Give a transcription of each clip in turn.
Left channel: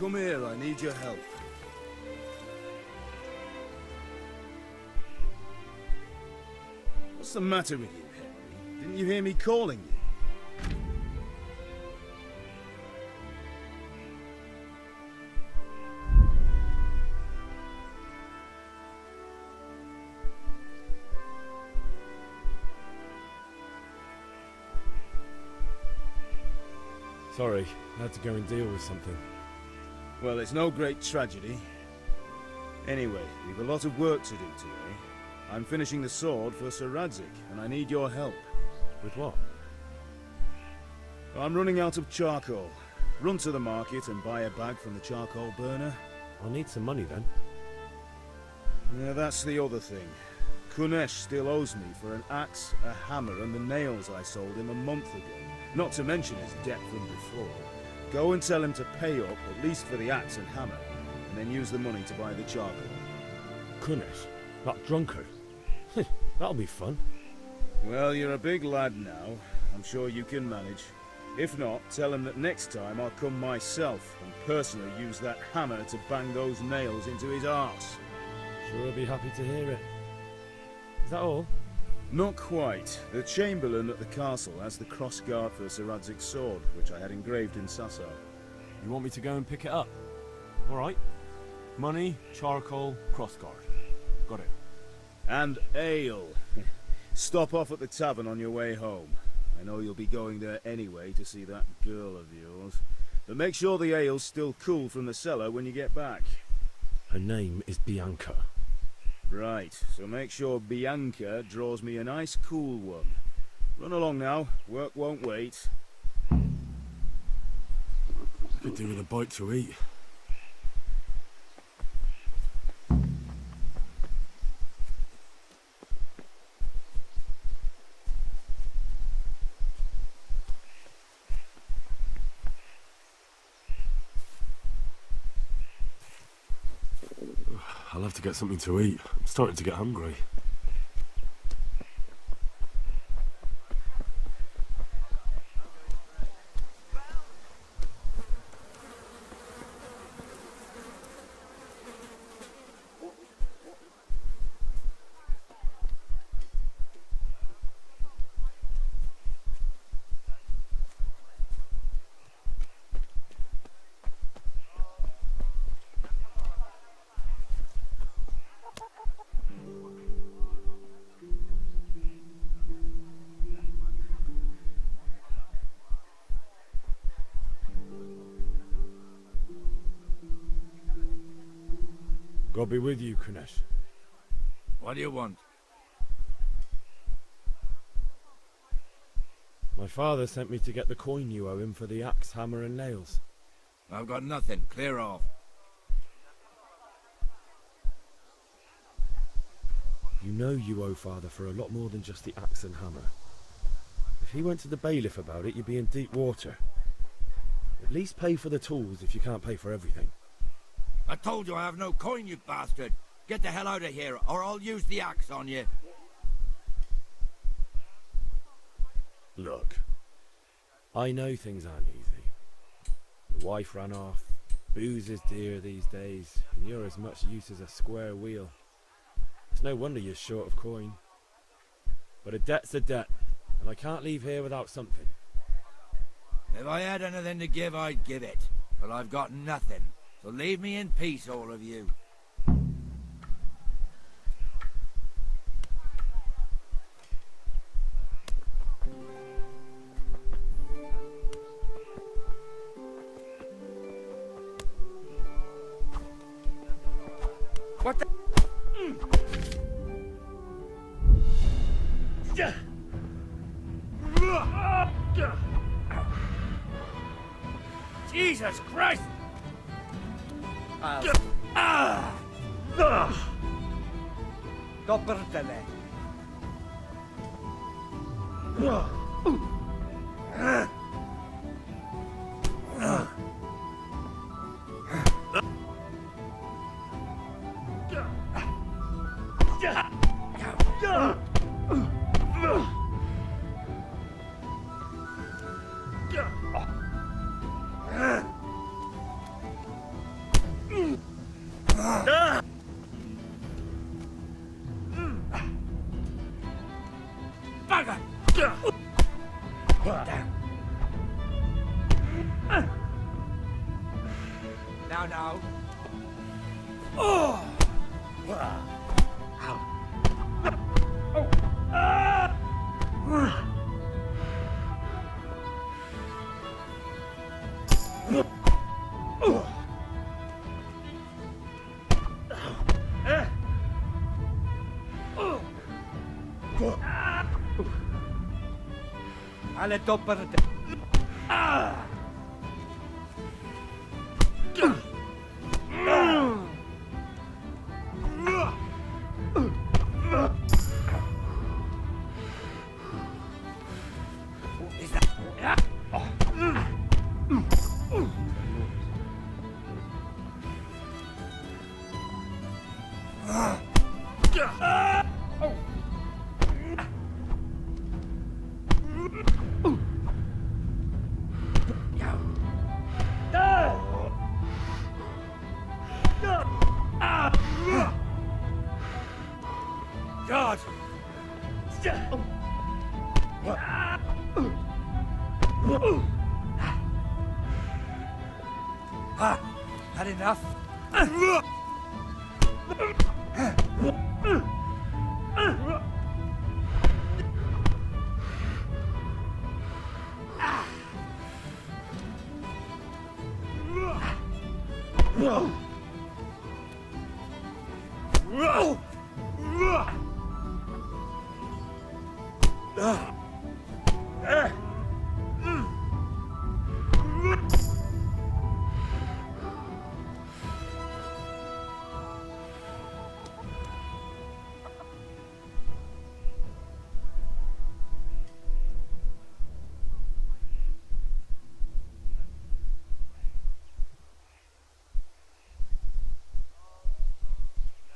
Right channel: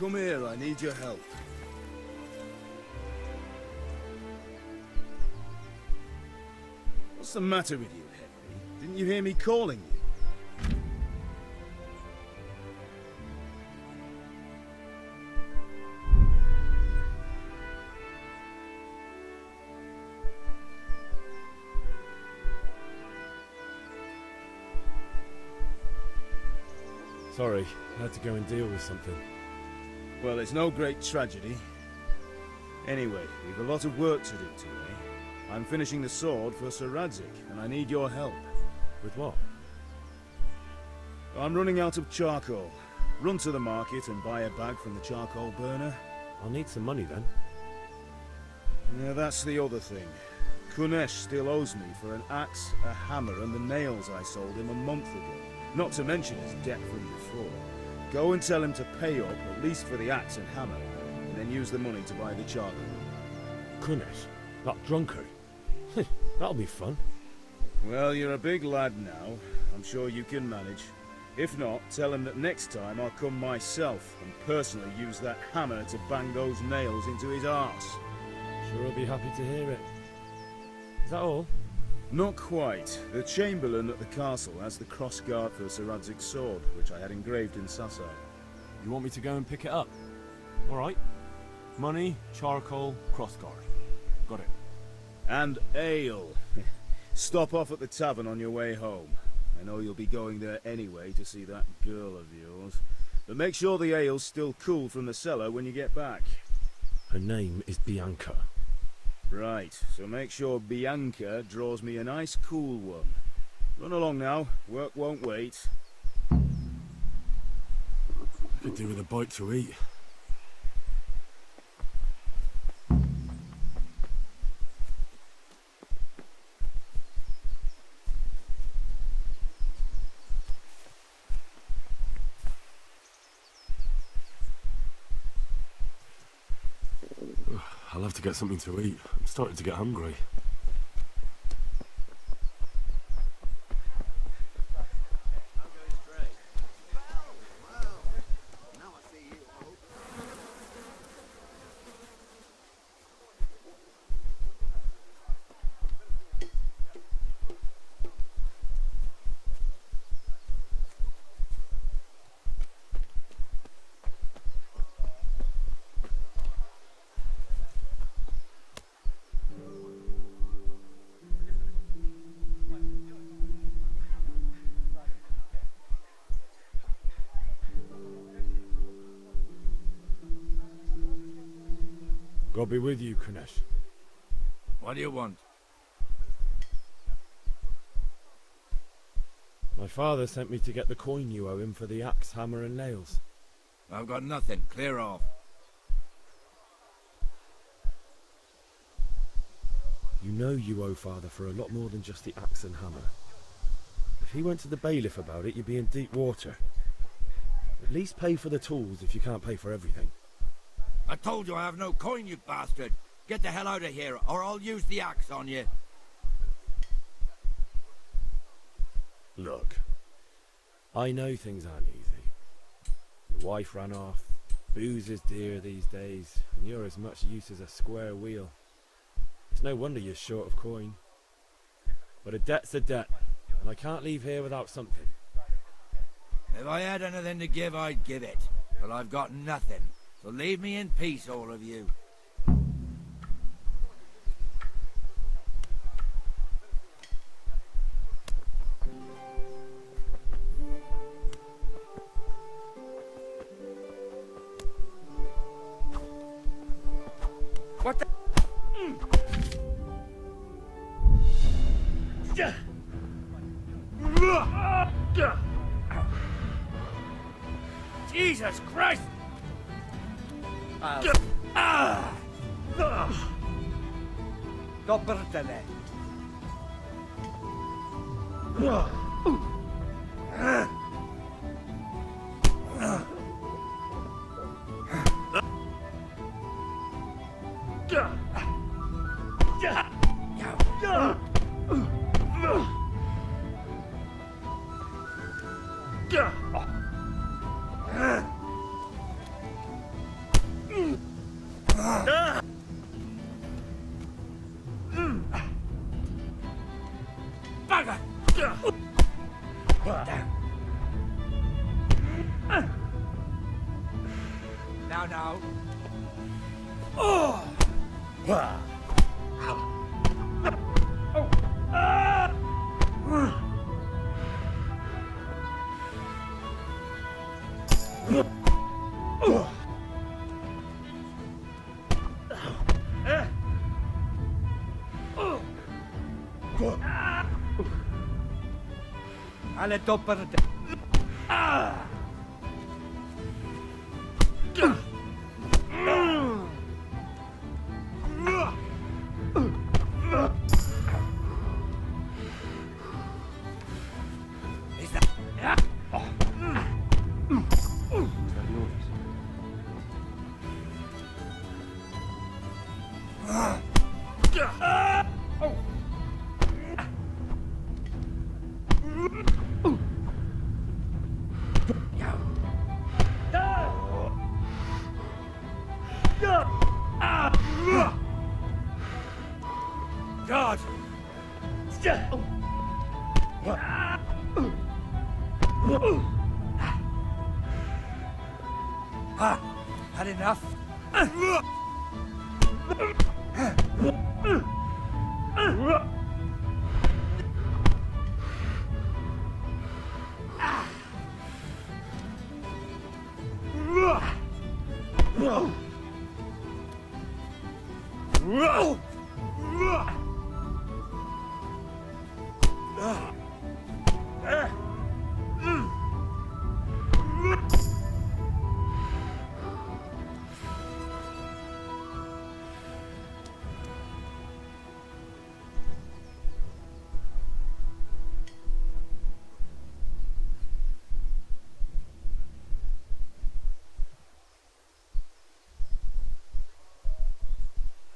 Come here, I need your help. What's the matter with you, Henry? Didn't you hear me calling you? Sorry, I had to go and deal with something. Well, it's no great tragedy. Anyway, we've a lot of work to do today. I'm finishing the sword for Sir Radzig, and I need your help. With what? I'm running out of charcoal. Run to the market and buy a bag from the charcoal burner. I'll need some money then. Yeah, that's the other thing. Kunesh still owes me for an axe, a hammer, and the nails I sold him a month ago. Not to mention his debt from before. Go and tell him to pay up, at least for the axe and hammer, and then use the money to buy the charcoal. Kunesh? That drunkard? That'll be fun. Well, you're a big lad now. I'm sure you can manage. If not, tell him that next time I'll come myself and personally use that hammer to bang those nails into his arse. Sure, I'll be happy to hear it. Is that all? Not quite. The Chamberlain at the castle has the crossguard for Sir Radzig's sword, which I had engraved in Sasau. You want me to go and pick it up? Alright. Money, charcoal, crossguard. Got it. And ale. Stop off at the tavern on your way home. I know you'll be going there anyway to see that girl of yours. But make sure the ale's still cool from the cellar when you get back. Her name is Bianca. Right, so make sure Bianca draws me a nice cool one. Run along now, work won't wait. I could do with a bite to eat. I'll have to get something to eat. I'm starting to get hungry. God be with you, Kunesh. What do you want? My father sent me to get the coin you owe him for the axe, hammer and nails. I've got nothing. Clear off. You know you owe father for a lot more than just the axe and hammer. If he went to the bailiff about it, you'd be in deep water. At least pay for the tools if you can't pay for everything. I told you I have no coin, you bastard. Get the hell out of here, or I'll use the axe on you. Look, I know things aren't easy. The wife ran off, booze is dear these days, and you're as much use as a square wheel. It's no wonder you're short of coin. But a debt's a debt, and I can't leave here without something. If I had anything to give, I'd give it. But I've got nothing. So leave me in peace, all of you. What the? Jesus Christ! Coppertele. Now. Oh! Alle doppere. God! Had enough?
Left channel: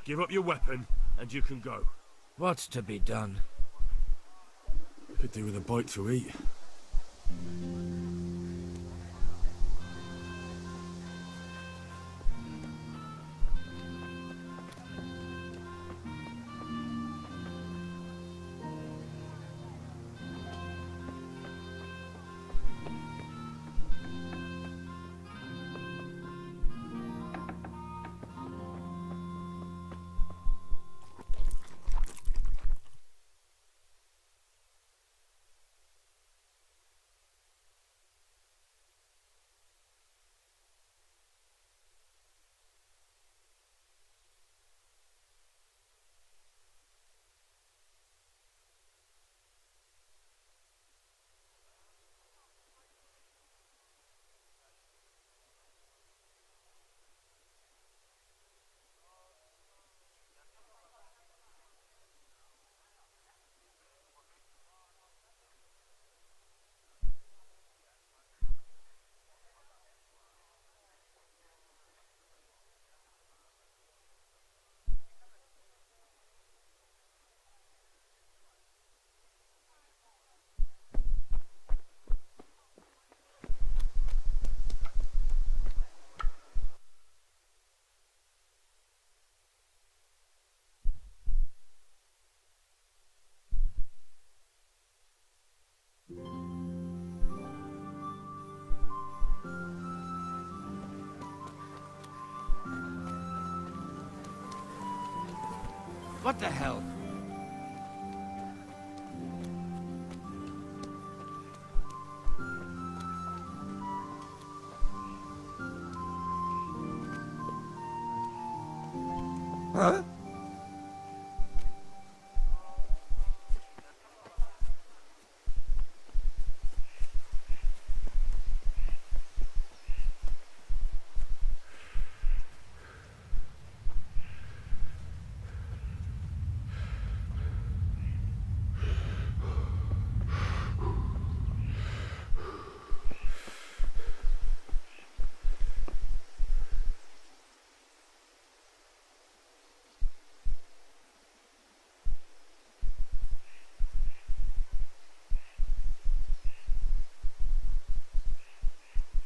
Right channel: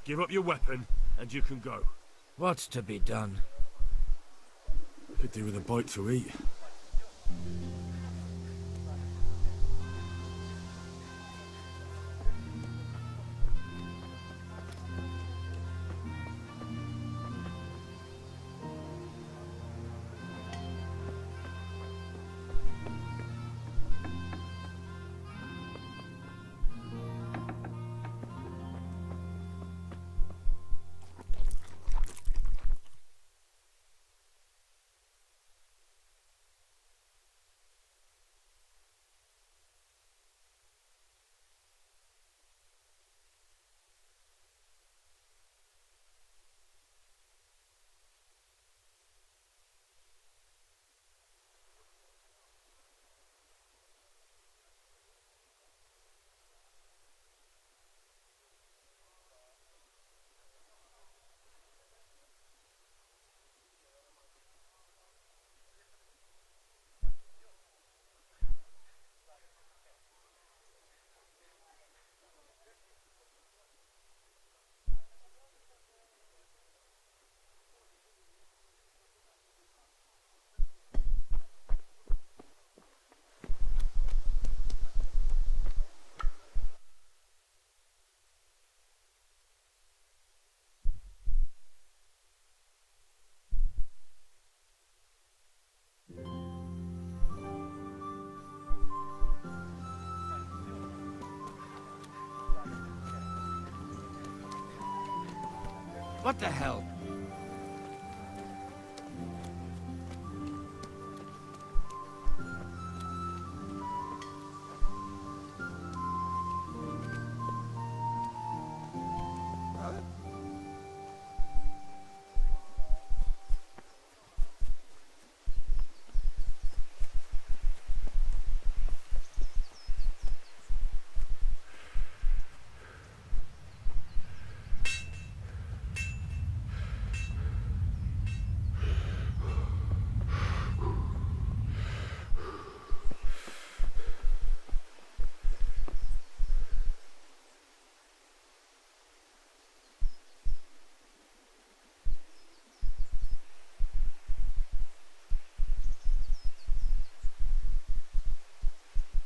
Give up your weapon, and you can go. What's to be done? Could do with a bite to eat. What the hell? Huh?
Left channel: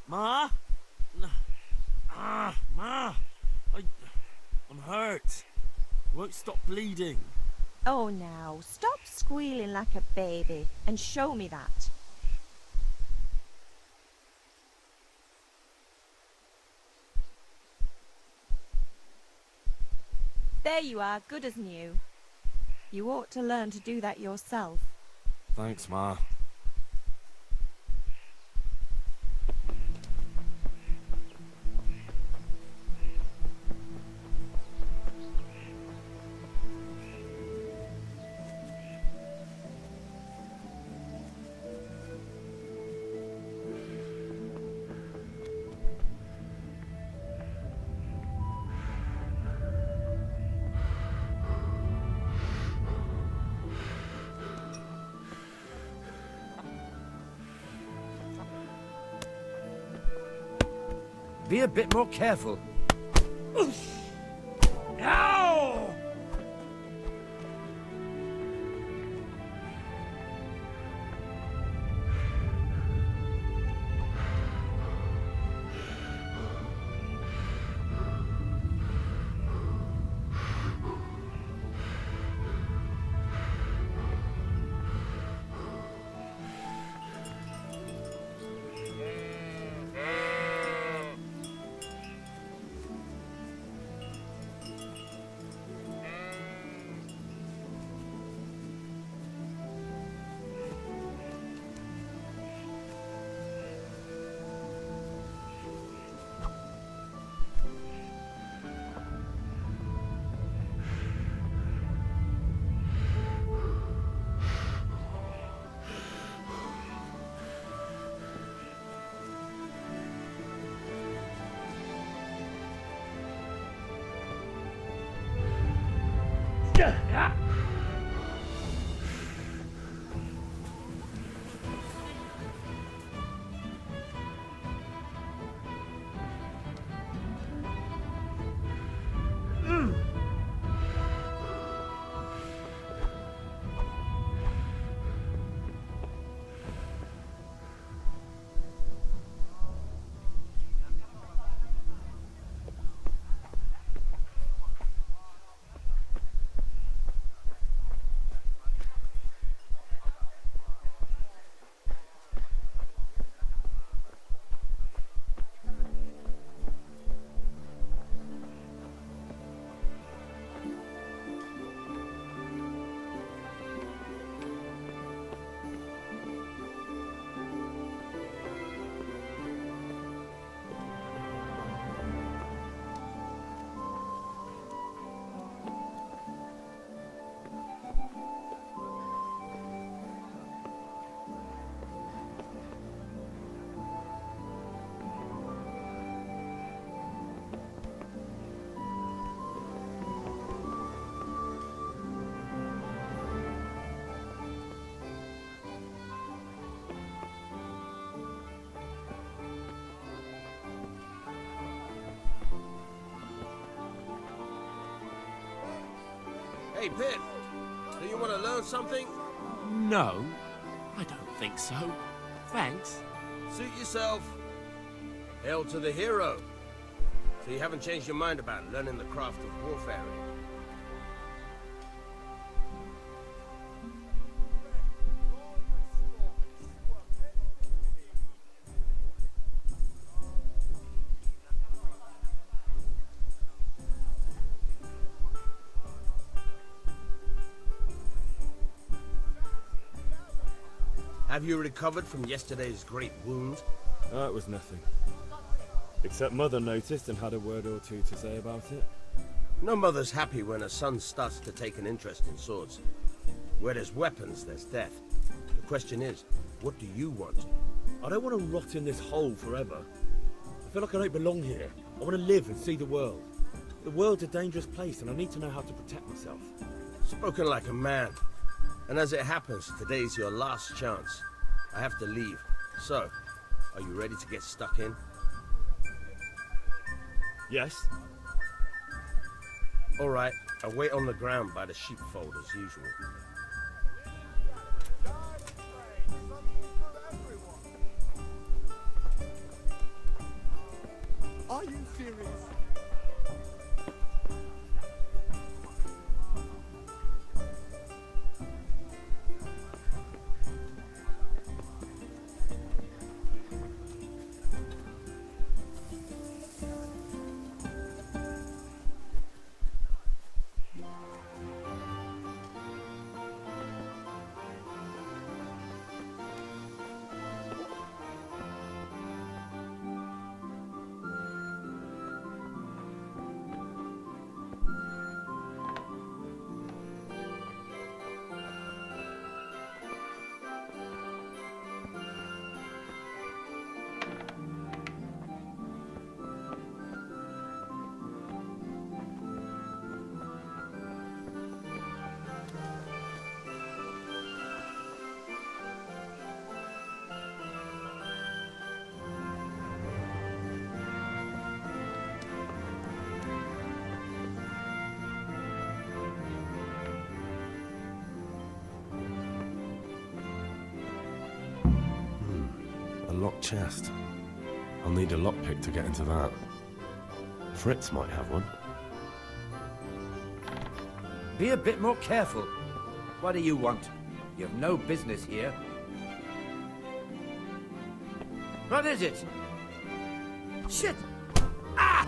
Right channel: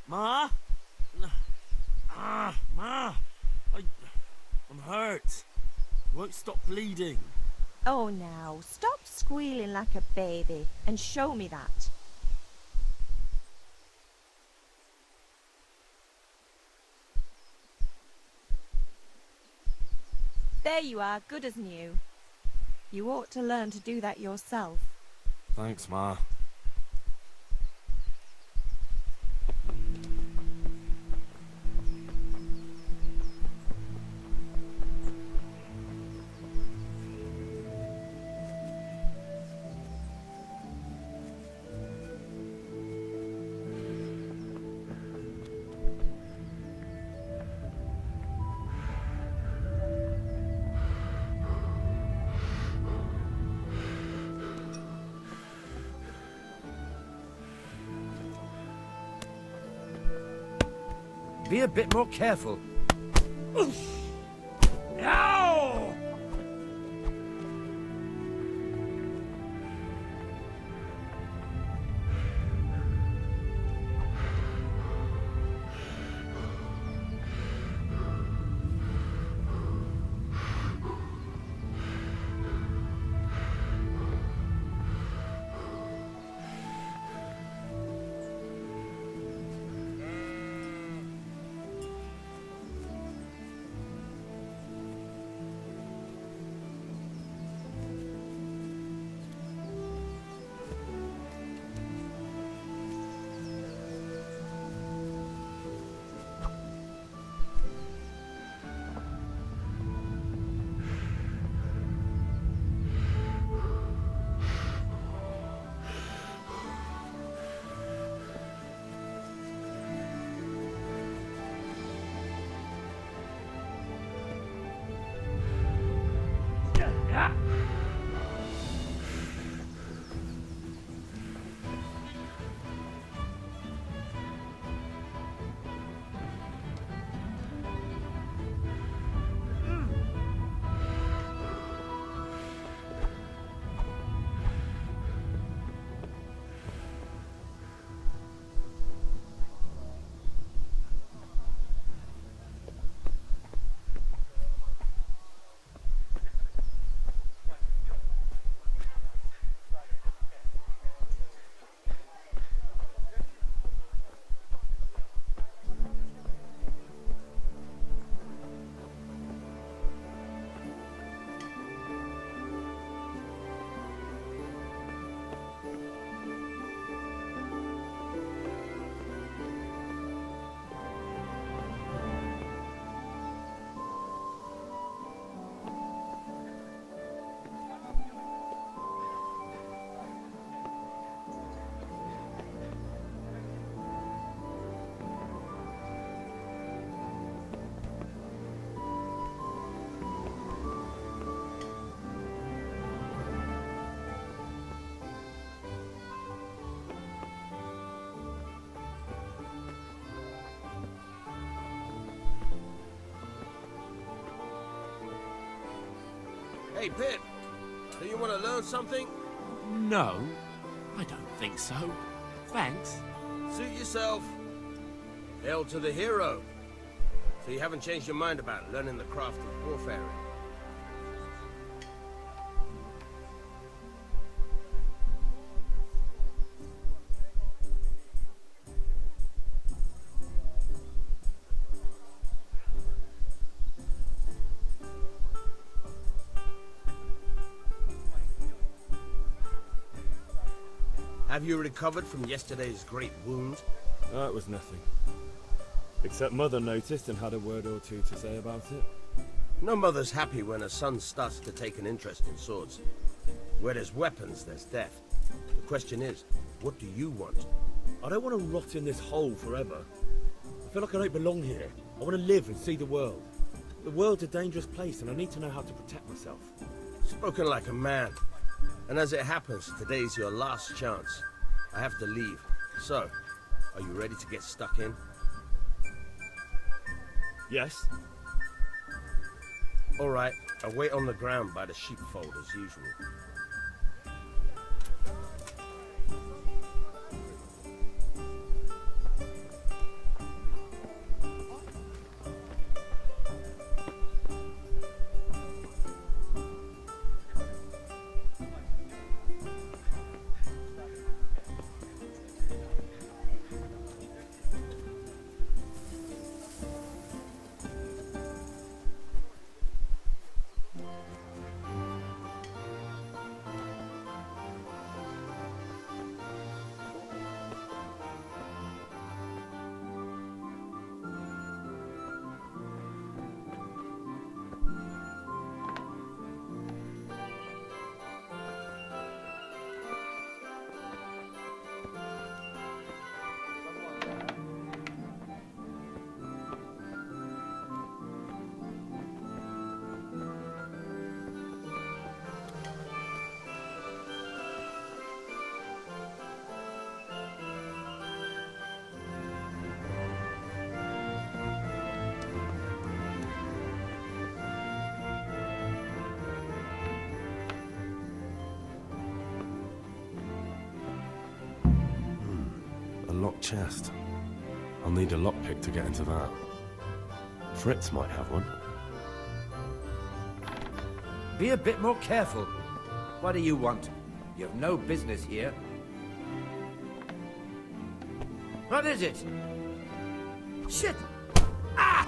Ma? Ma! I'm hurt. I won't stop bleeding. Oh, now, stop squealing like a baby and show me that. There you are, good as new. You ought to learn to do that yourself. Thanks, Ma. Be a bit more careful. Ow! Hey, Pip, do you want to learn something? No, I don't think so. Thanks. Suit yourself. Hail to the hero. So you haven't changed your mind about learning the craft of warfare? Have you recovered from yesterday's great wound? Oh, it was nothing. Except Mother noticed and had a word or two to say about it. No mother's happy when her son starts to take an interest in swords. Where there's weapons, there's death. The question is, what do you want? I don't want to rot in this hole forever. I feel like I don't belong here. I want to live and see the world. The world's a dangerous place and I need to know how to protect myself. Spoken like a man. And as it happens, today's your last chance. I have to leave. So, are you ready to get stuck in? Yes. All right, I'll wait on the ground by the sheepfold as usual. Are you serious? A locked chest. I'll need a lockpick to get into that. Fritz might have one. Be a bit more careful. What do you want? You have no business here. What is it? Shit! Ah!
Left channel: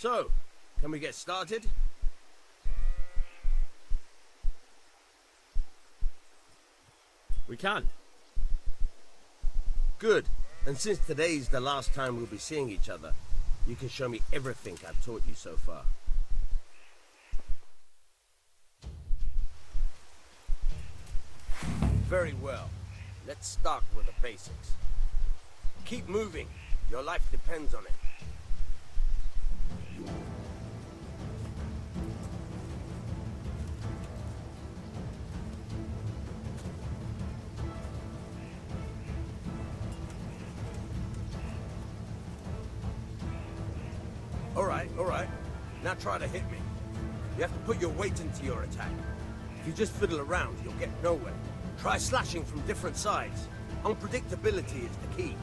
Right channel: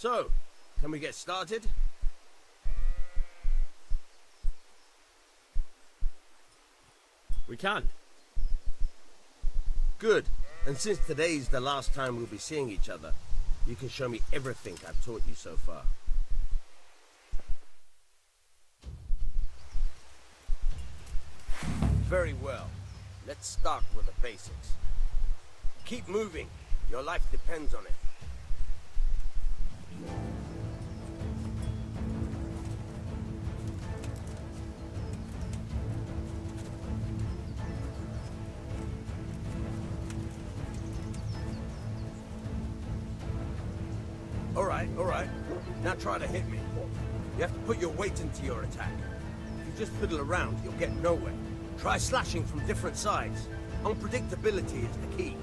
So, can we get started? We can. Good. And since today's the last time we'll be seeing each other, you can show me everything I've taught you so far. Very well. Let's start with the basics. Keep moving. Your life depends on it. All right. Now try to hit me. You have to put your weight into your attack. If you just fiddle around, you'll get nowhere. Try slashing from different sides. Unpredictability is the key.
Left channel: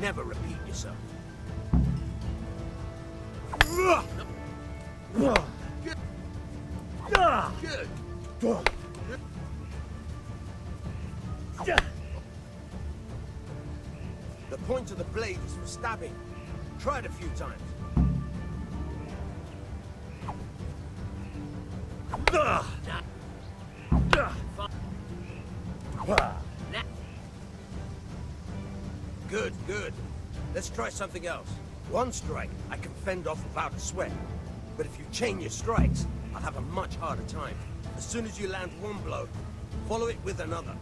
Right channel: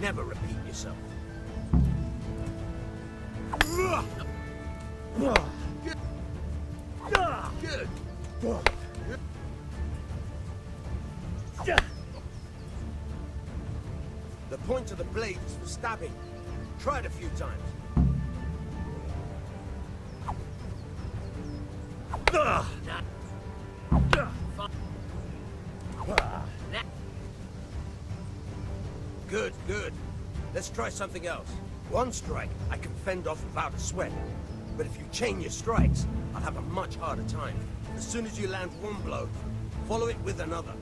Never repeat yourself. Good. Good. The point of the blade is for stabbing. Try it a few times. Good. Let's try something else. One strike, I can fend off without a sweat. But if you chain your strikes, I'll have a much harder time. As soon as you land one blow, follow it with another.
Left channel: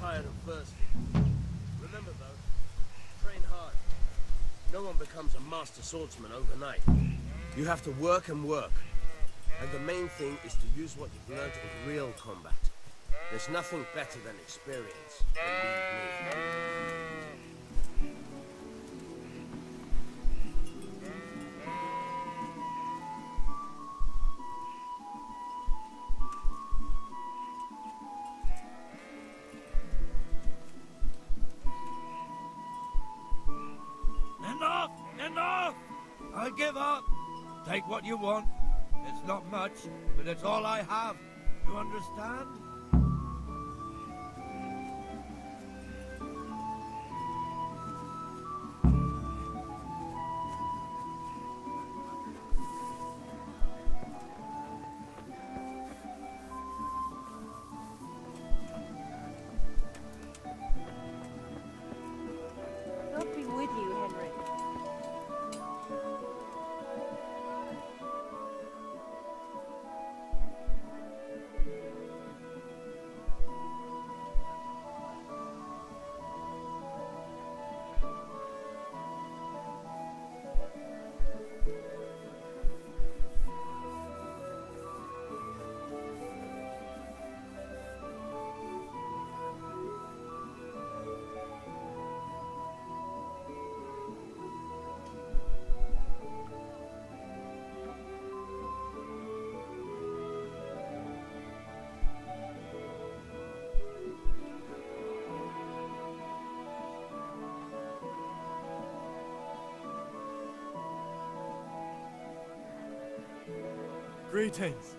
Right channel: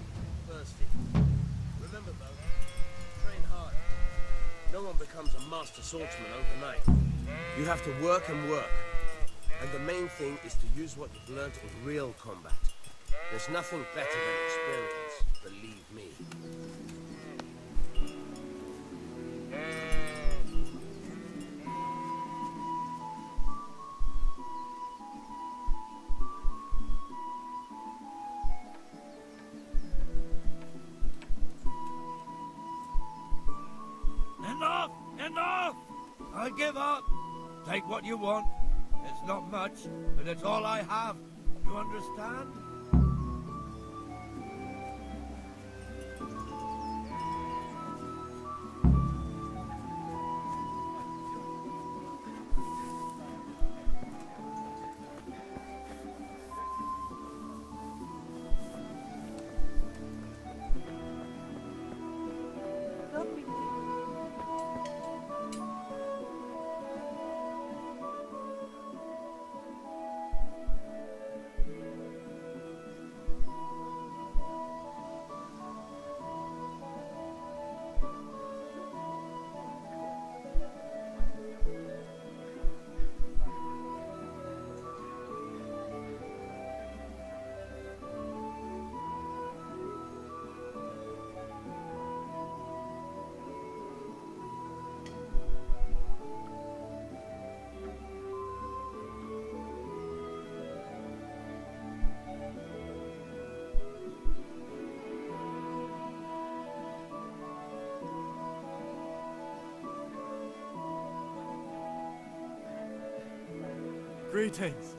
Tired and thirsty. Remember though, train hard. No one becomes a master swordsman overnight. You have to work and work. And the main thing is to use what you've learned in real combat. There's nothing better than experience, believe me. Enough! I give up. Take what you want. It's not much, but it's all I have. You understand? Greetings.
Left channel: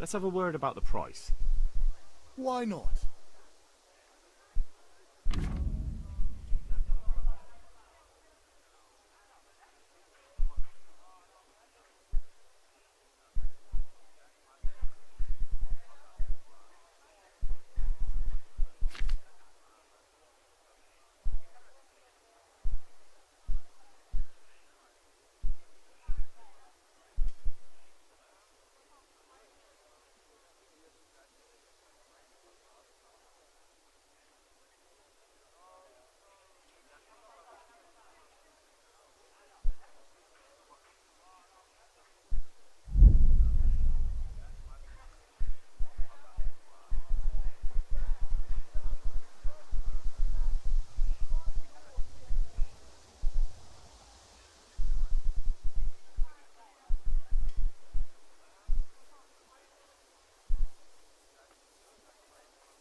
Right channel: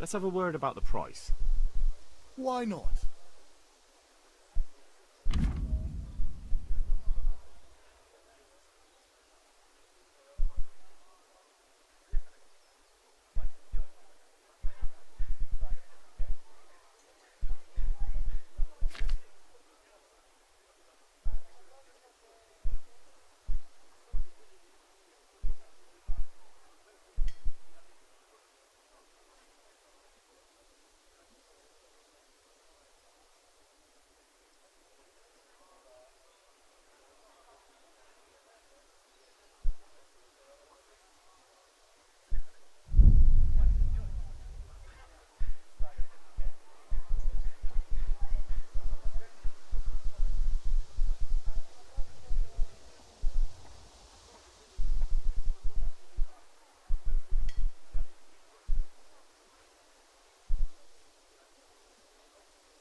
Let's have a word about the price. Why not?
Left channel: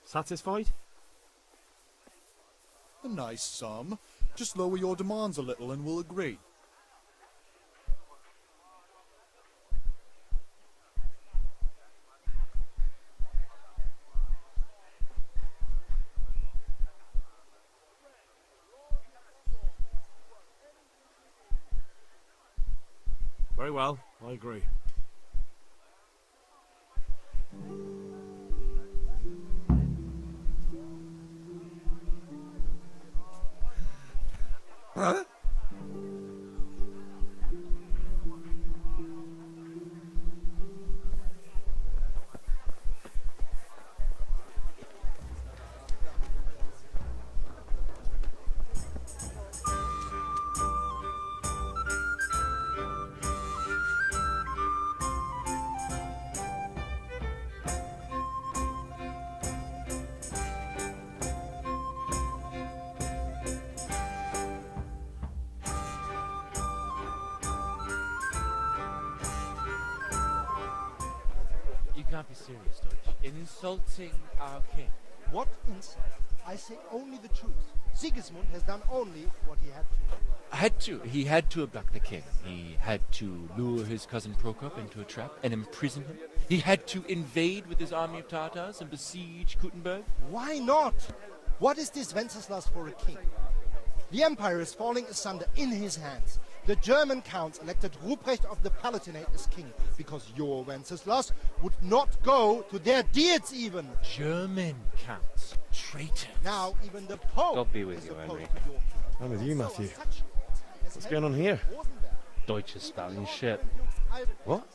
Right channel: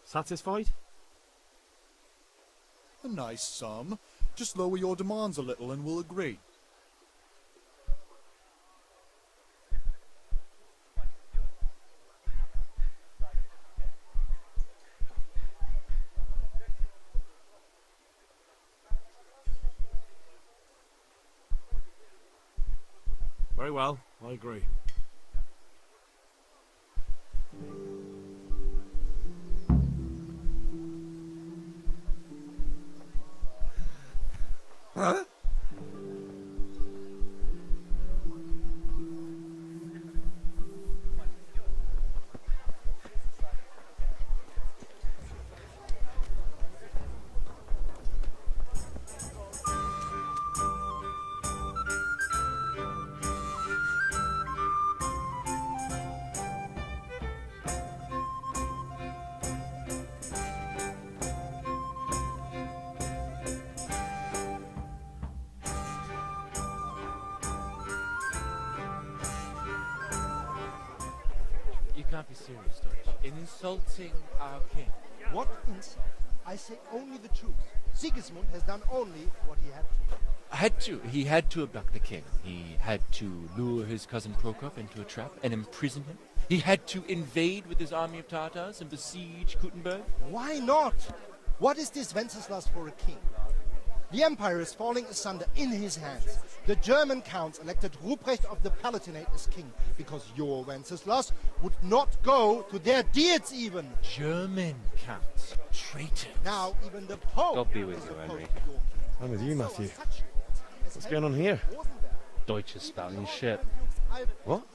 Satisfied? A nice sum. Just lower your demands a little and we'll agree. Very well, I agree. Huh? You can't be serious, Deutsch. In insulting our king. What insult? I say only the truth. Sigismund has done only what he had to. He had to abduct the king. He had to lure his cousin Prokop into a trap and imprison him. He had to invade with his army of Tartars and besiege Kuttenberg. Why not? What is this Wenceslas for a king? The empire is falling asunder in his hands. The German counts elected Ruprecht of the Palatinate as king because your Wenceslas would not go to their deeds even. German counts. Traitors. Now even the Pope God be with is you, opposed Henry. to your king. I'm with you, So Matthew. on such grounds, What's going on here? Deutsch is spouting shit. What?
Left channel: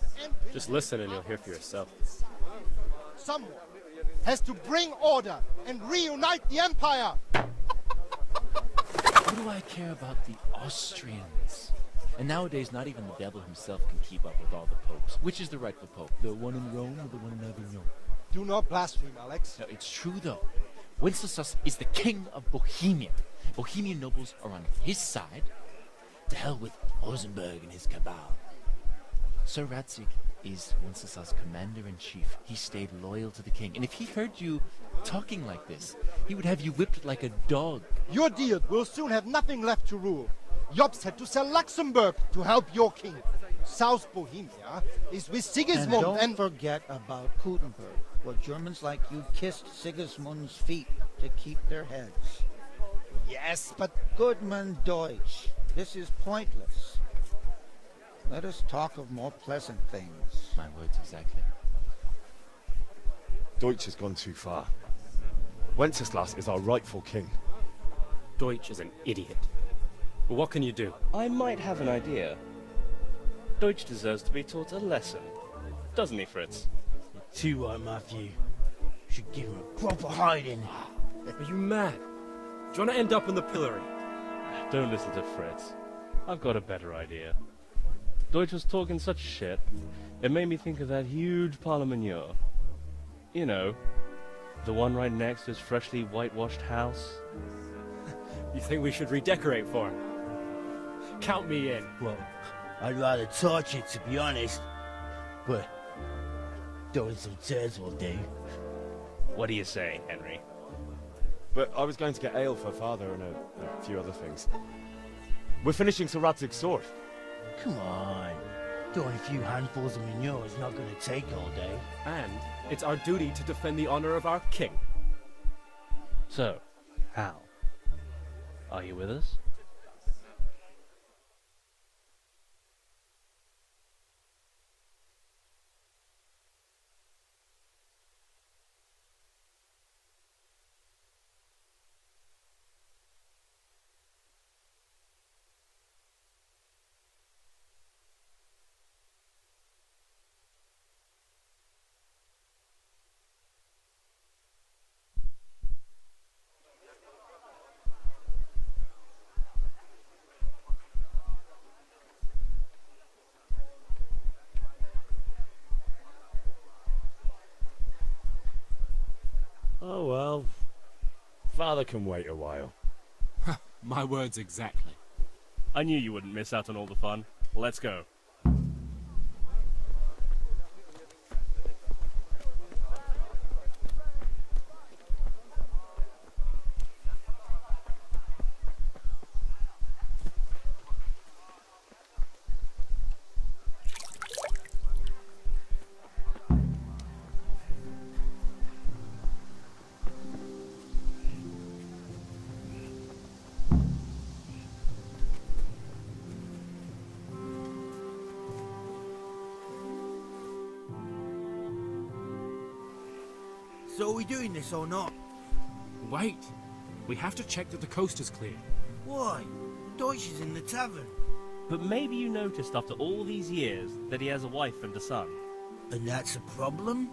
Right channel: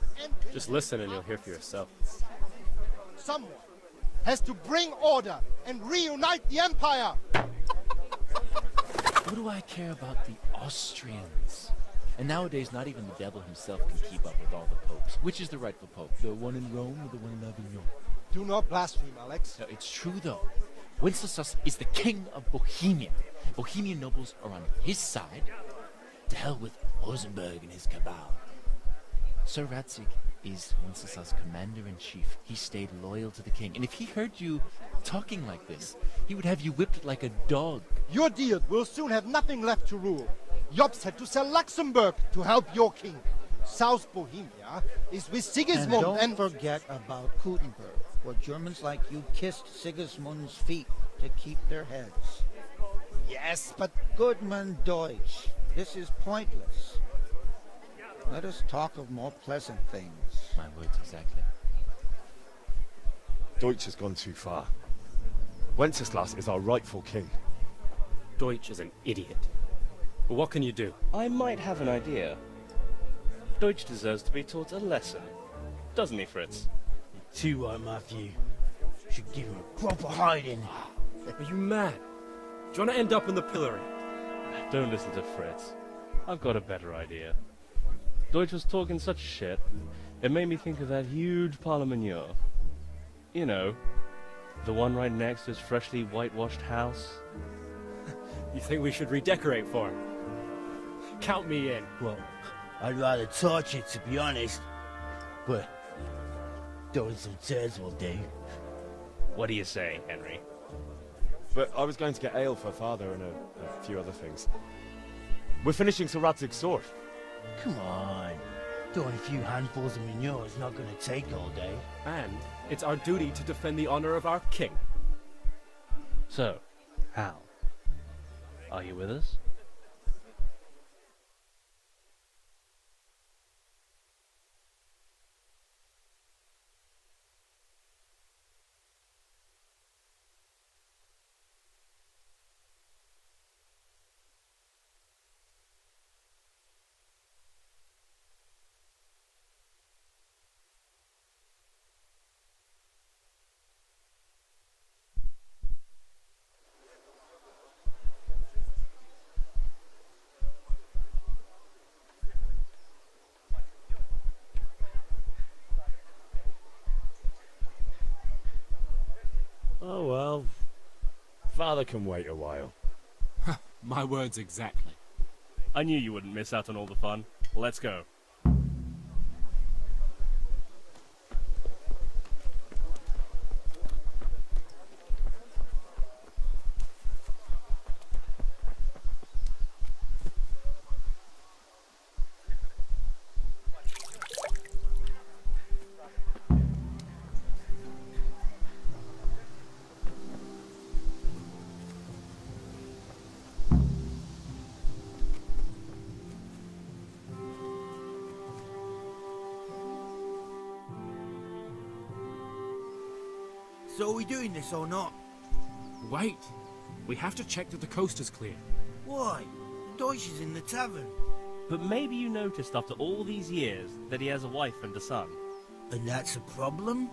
Just listen and you'll hear for yourself. Someone has to bring order and reunite the empire. What do I care about the Austrians? And nowadays, not even the devil himself can keep up with all the popes. Which is the rightful pope? The one in Rome or the one in Avignon? Do not blaspheme, Alex. No, it's true, though. Wenceslas is the king of Bohemia. Bohemian nobles are on his side. To hell with Rosenberg and his cabal. Sir Radzig is Wenceslas' commander-in-chief. He stayed loyal to the king. And if he heard you talking like this, he would have you whipped like a dog. Your Diet will soon have nothing left to rule. Jobst had to sell Luxembourg to help your king. South Bohemia is with Sigismund And don't forget about Kuttenberg, where Germans like you kissed Sigismund's feet. to keep their heads. Yes, but Goodman Deutsch, this is pointless. Let us talk of more pleasant things. My words exactly. Deutsch has gone too far. Wenceslas is our rightful king. Deutsch is an idiot. But what can you do? I might have an idea. Deutsch deserves to be taught a lesson. Doesn't he, Fritz? Too right, Matthew. Should give him a proper hiding. Are you mad? Do you want to end up in the pillory? Don't listen to Fritz. I've got a better idea. Deutsch was talking such shit, it made me think of that huge parliament. You know, the one right next to his freshly whitewashed house. You think we should redecorate for him? Count me in. Well, I'd rather torch it, to be honest. But throwing some turds will do. What do you say, Henry? But I was going to get ale for father and a few other things. We're finishing Sir Radzig's sword. Come on. Throwing a few handfuls of manure is not going to take all day. And it's our duty to defend the honor of our king. So, Hal, are you with us? Oh well. Father can wait a while. My words exactly. I knew you wouldn't miss out on all the fun. Let's go. So are we doing this or not? Wait. We have to check that the coast is clear. Why? Deutsch is in the tavern. But maybe you noticed after all these years that he has a wife and a son. And that's a problem?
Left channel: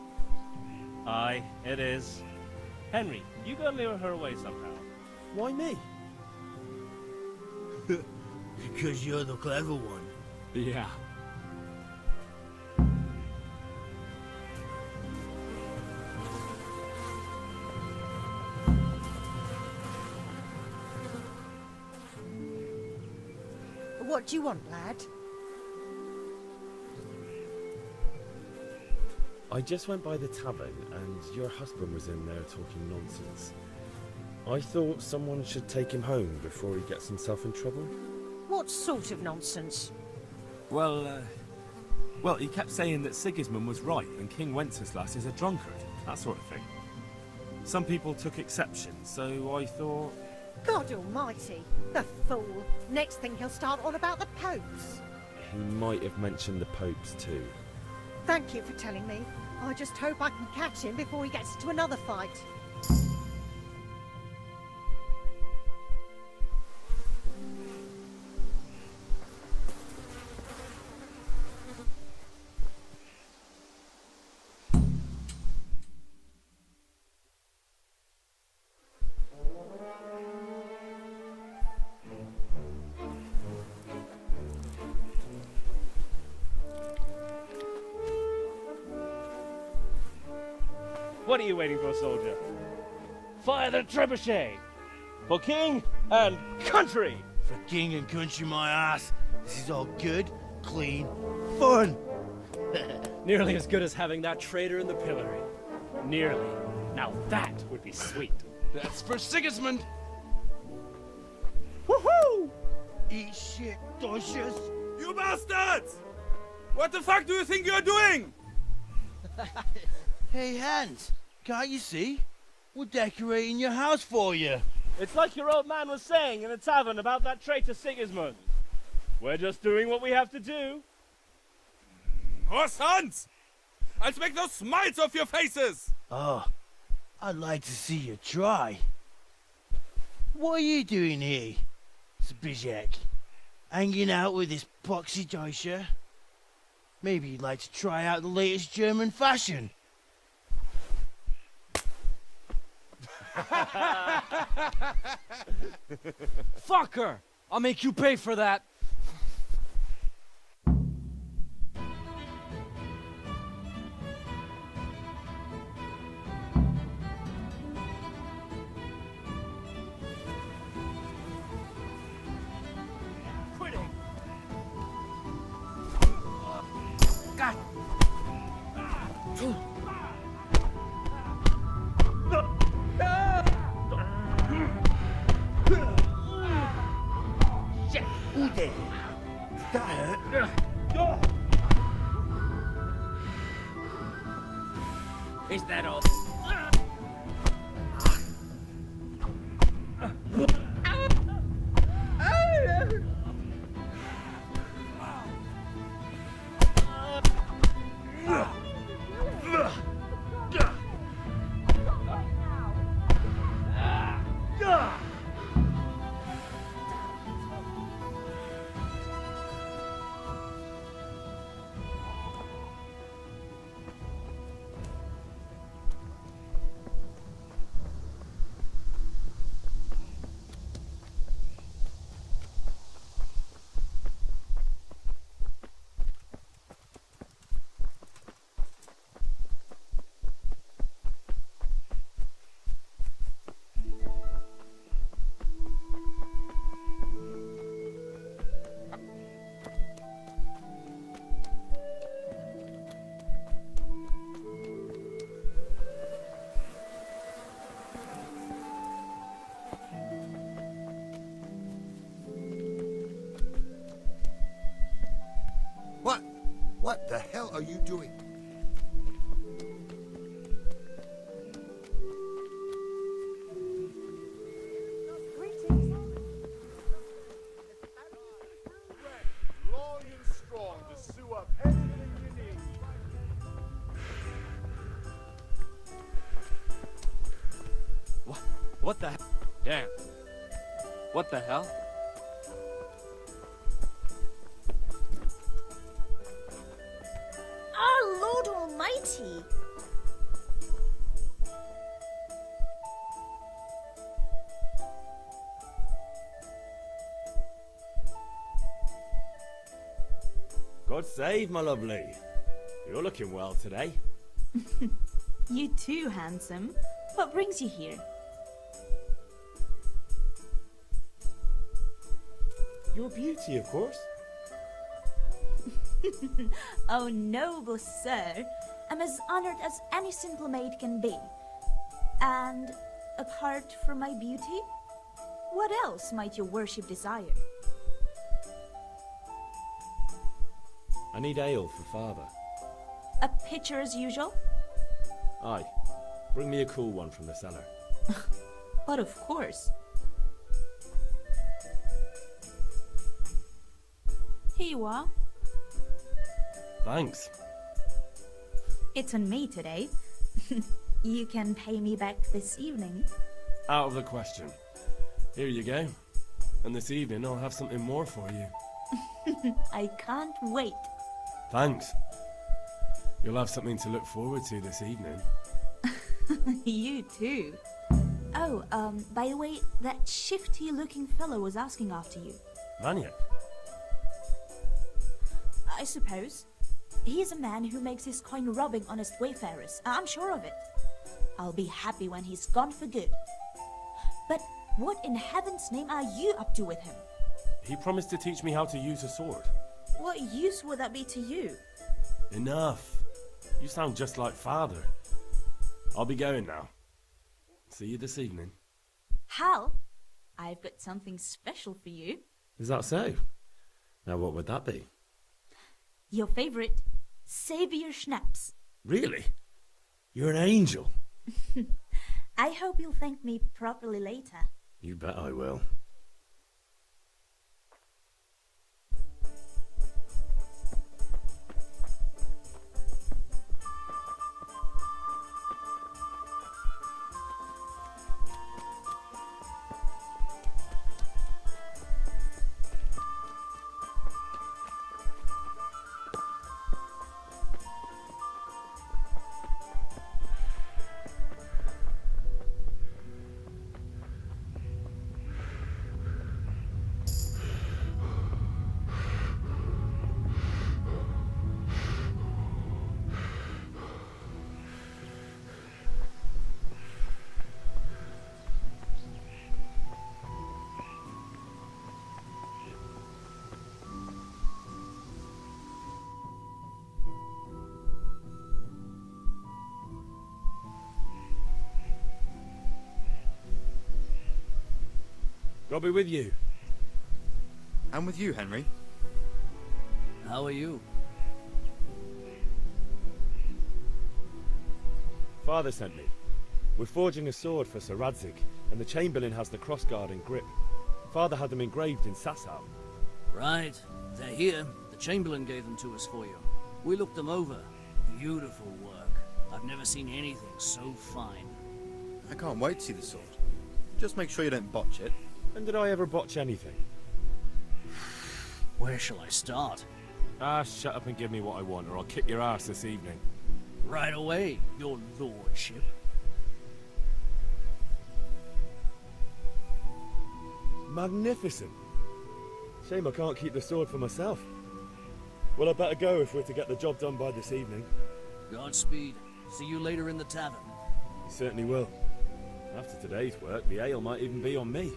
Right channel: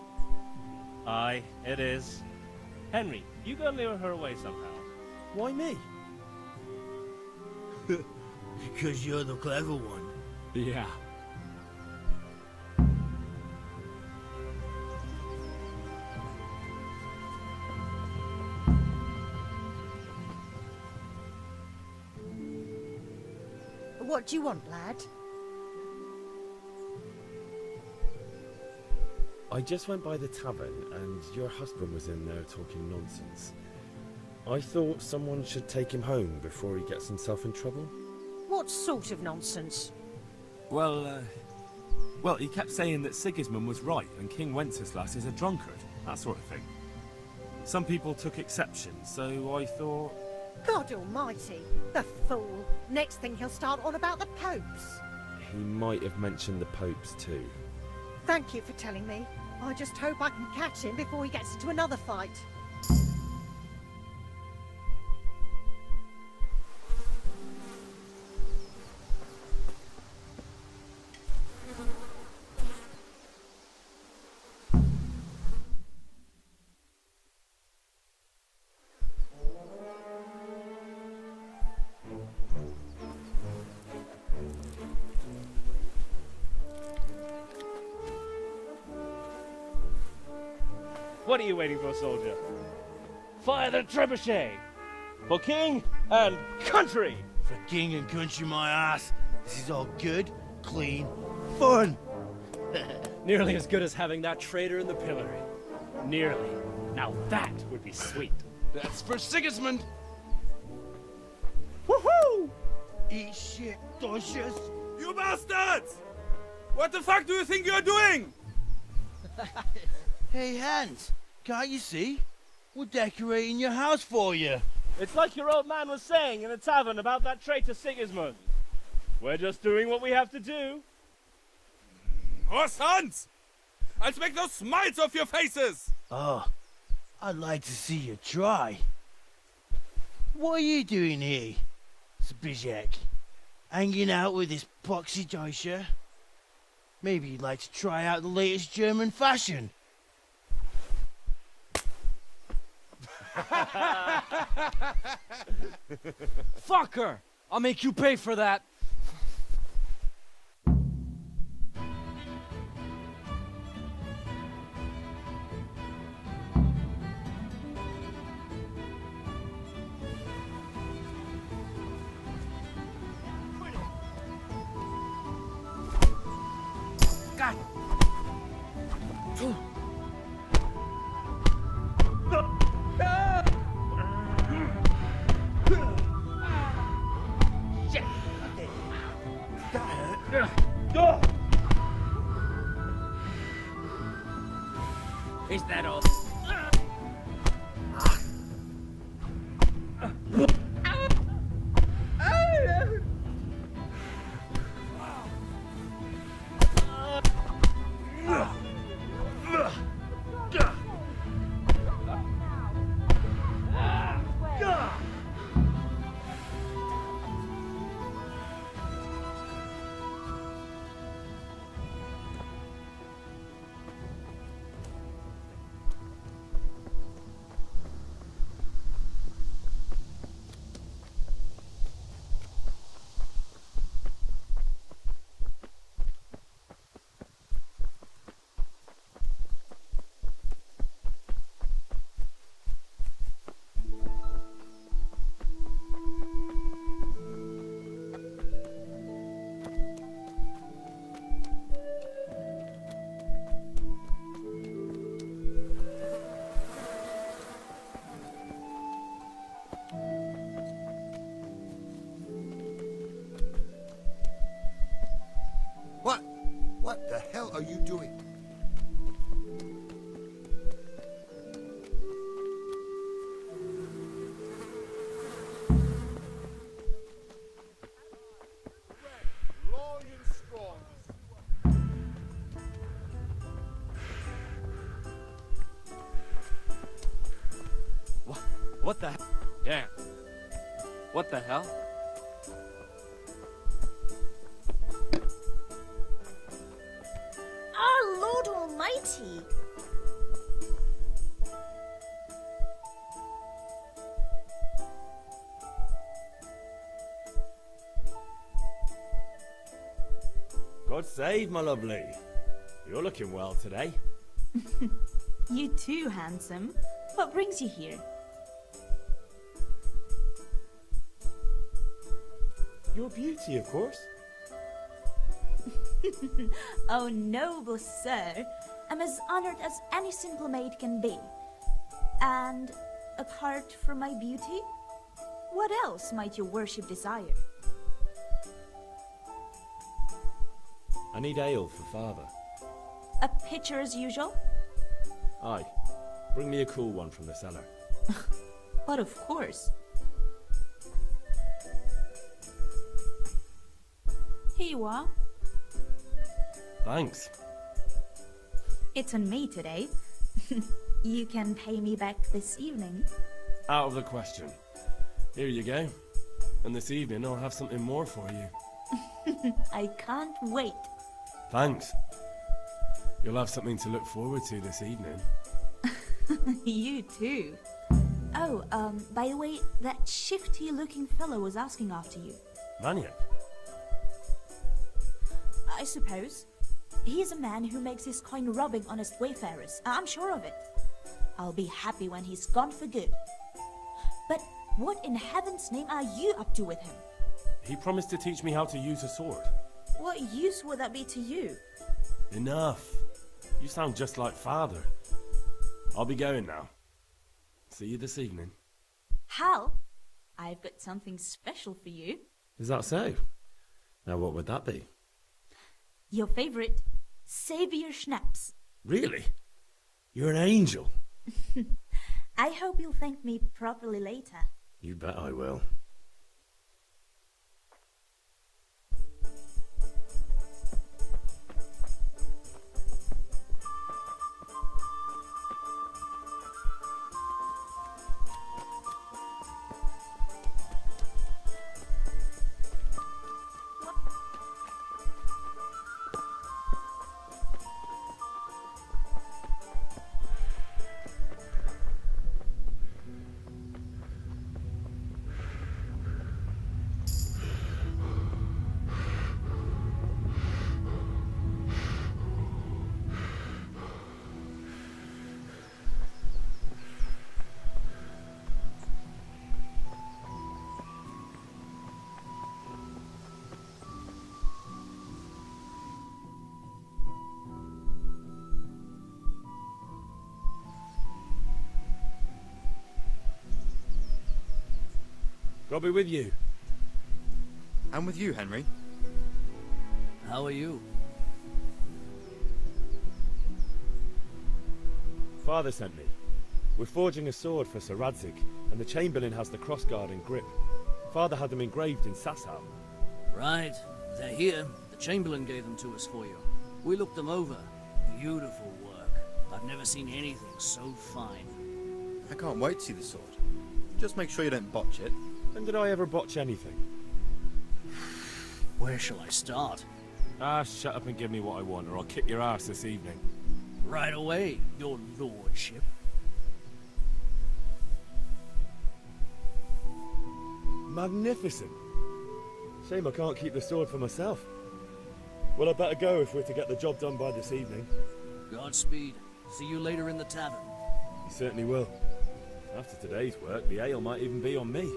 Aye, it is. Henry, you go lure her away somehow. Why me? Because you're the clever one. Yeah. What do you want, lad? I just went by the tavern and your husband was in there talking nonsense. I thought someone should take him home before he gets himself in trouble. What sort of nonsense? Well, he kept saying that Sigismund was right and King Wenceslas is a drunkard, that sort of thing. Some people took exception, so I thought... God almighty, the fool. Next thing he'll start on about the popes. He might have mentioned the popes too. Thank you for telling me. I just hope I can catch him before he gets to another fight. What are you waiting for, soldier? Fire the trebuchet! For king and country! For king and country, my ass. This is all good, clean, fun. Nearly as good as having that traitor in the pillory. Nearly. Now that would be sweet. That's for Sigismund. Woohoo! Eat shit, Deutsches. You bastards! What the fuck do you think you're doing? Hey, Hans, can't you see? We're decorating your house for you. It's like your old man was saying in the tavern about that traitor Sigismund. We're just doing what we have to do. Horse sons! I'll make those smiles off your faces! Oh, I'd like to see you try. What are you doing here, Zbyszek? Hanging out with this poxy Deutscher? Maybe you'd like to try out the latest German fashion. Fucker! I'll make you pay for that. Is that all? What the hell are you doing? Long and strong to sew up anything you need. What the hell? Damn. What the hell? Our Lord Almighty! God save, my lovely. You're looking well today. You too, handsome. What brings you here? Your beauty, of course. Oh, noble sir. I'm as honored as any simple maid can be. And apart from my beauty, what else might your worship desire? I need ale for father. A pitcher as usual? Aye. Bring me a cool one from the cellar. But of course. Here you are. Thanks. It's on me today. You can pay me back this evening. Out of the question. Here you go. And this evening I'll have something more for you. I can't wait. Thanks. You'll have something to look forward to this evening. You too. Oh, by the way, that shifty-looking fellow was asking after you. Vanya? I suppose. He's a man who makes his coin robbing honest wayfarers. I'm sure of it. I'll be happy when he's gone for good. But what in heaven's name are you up to with him? He promised to teach me how to use a sword. What use would that be to you? Enough. You sound just like father. I'll be going now. See you this evening. Hal, I've got something special for you. Is that so? Now what would that be? Your favorite Savior Schnapps. Really? You're an angel. I hope you'll thank me properly later. You bet I will. God be with you. And with you, Henry. How are you? Father sent me. We're forging a sword for Sir Radzig, and the Chamberlain has the crossguard and grip. Father had them engraved in Sasau. Right. They're here. The Chamberlain gave them to us for you. We looked them over. Beautiful work. I've never seen anything so fine. I can't wait to see the sword. Just make sure you don't botch it. When did I ever botch anything? Where shall I start? Ah, shut up and give me what I want, or I'll kick your ass this evening. Right away, your lordship. Magnificent. Shame I can't keep the sword for myself. Well, I better go if we're to get the job done by this evening. Godspeed. See you later in the tavern. You certainly will. After today's work, the ale might even be on me.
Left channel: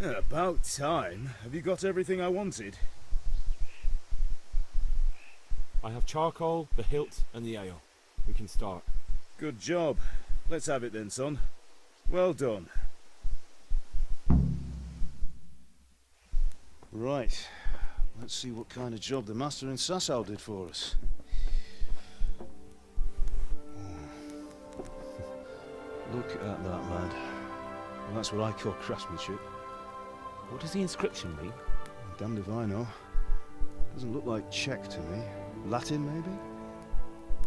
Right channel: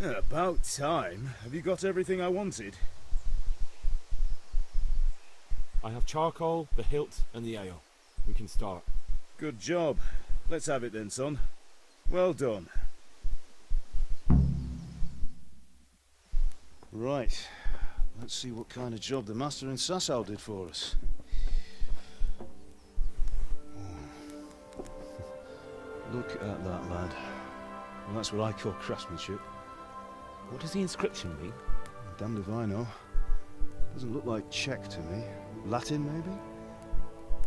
Yeah, about time. Have you got everything I wanted? I have charcoal, the hilt, and the ale. We can start. Good job. Let's have it then, son. Well done. Right. Let's see what kind of job the master in Sasau did for us. Look at that, lad. Well, that's what I call craftsmanship. What does the inscription mean? Damned if I know. Doesn't look like Czech to me. Latin, maybe?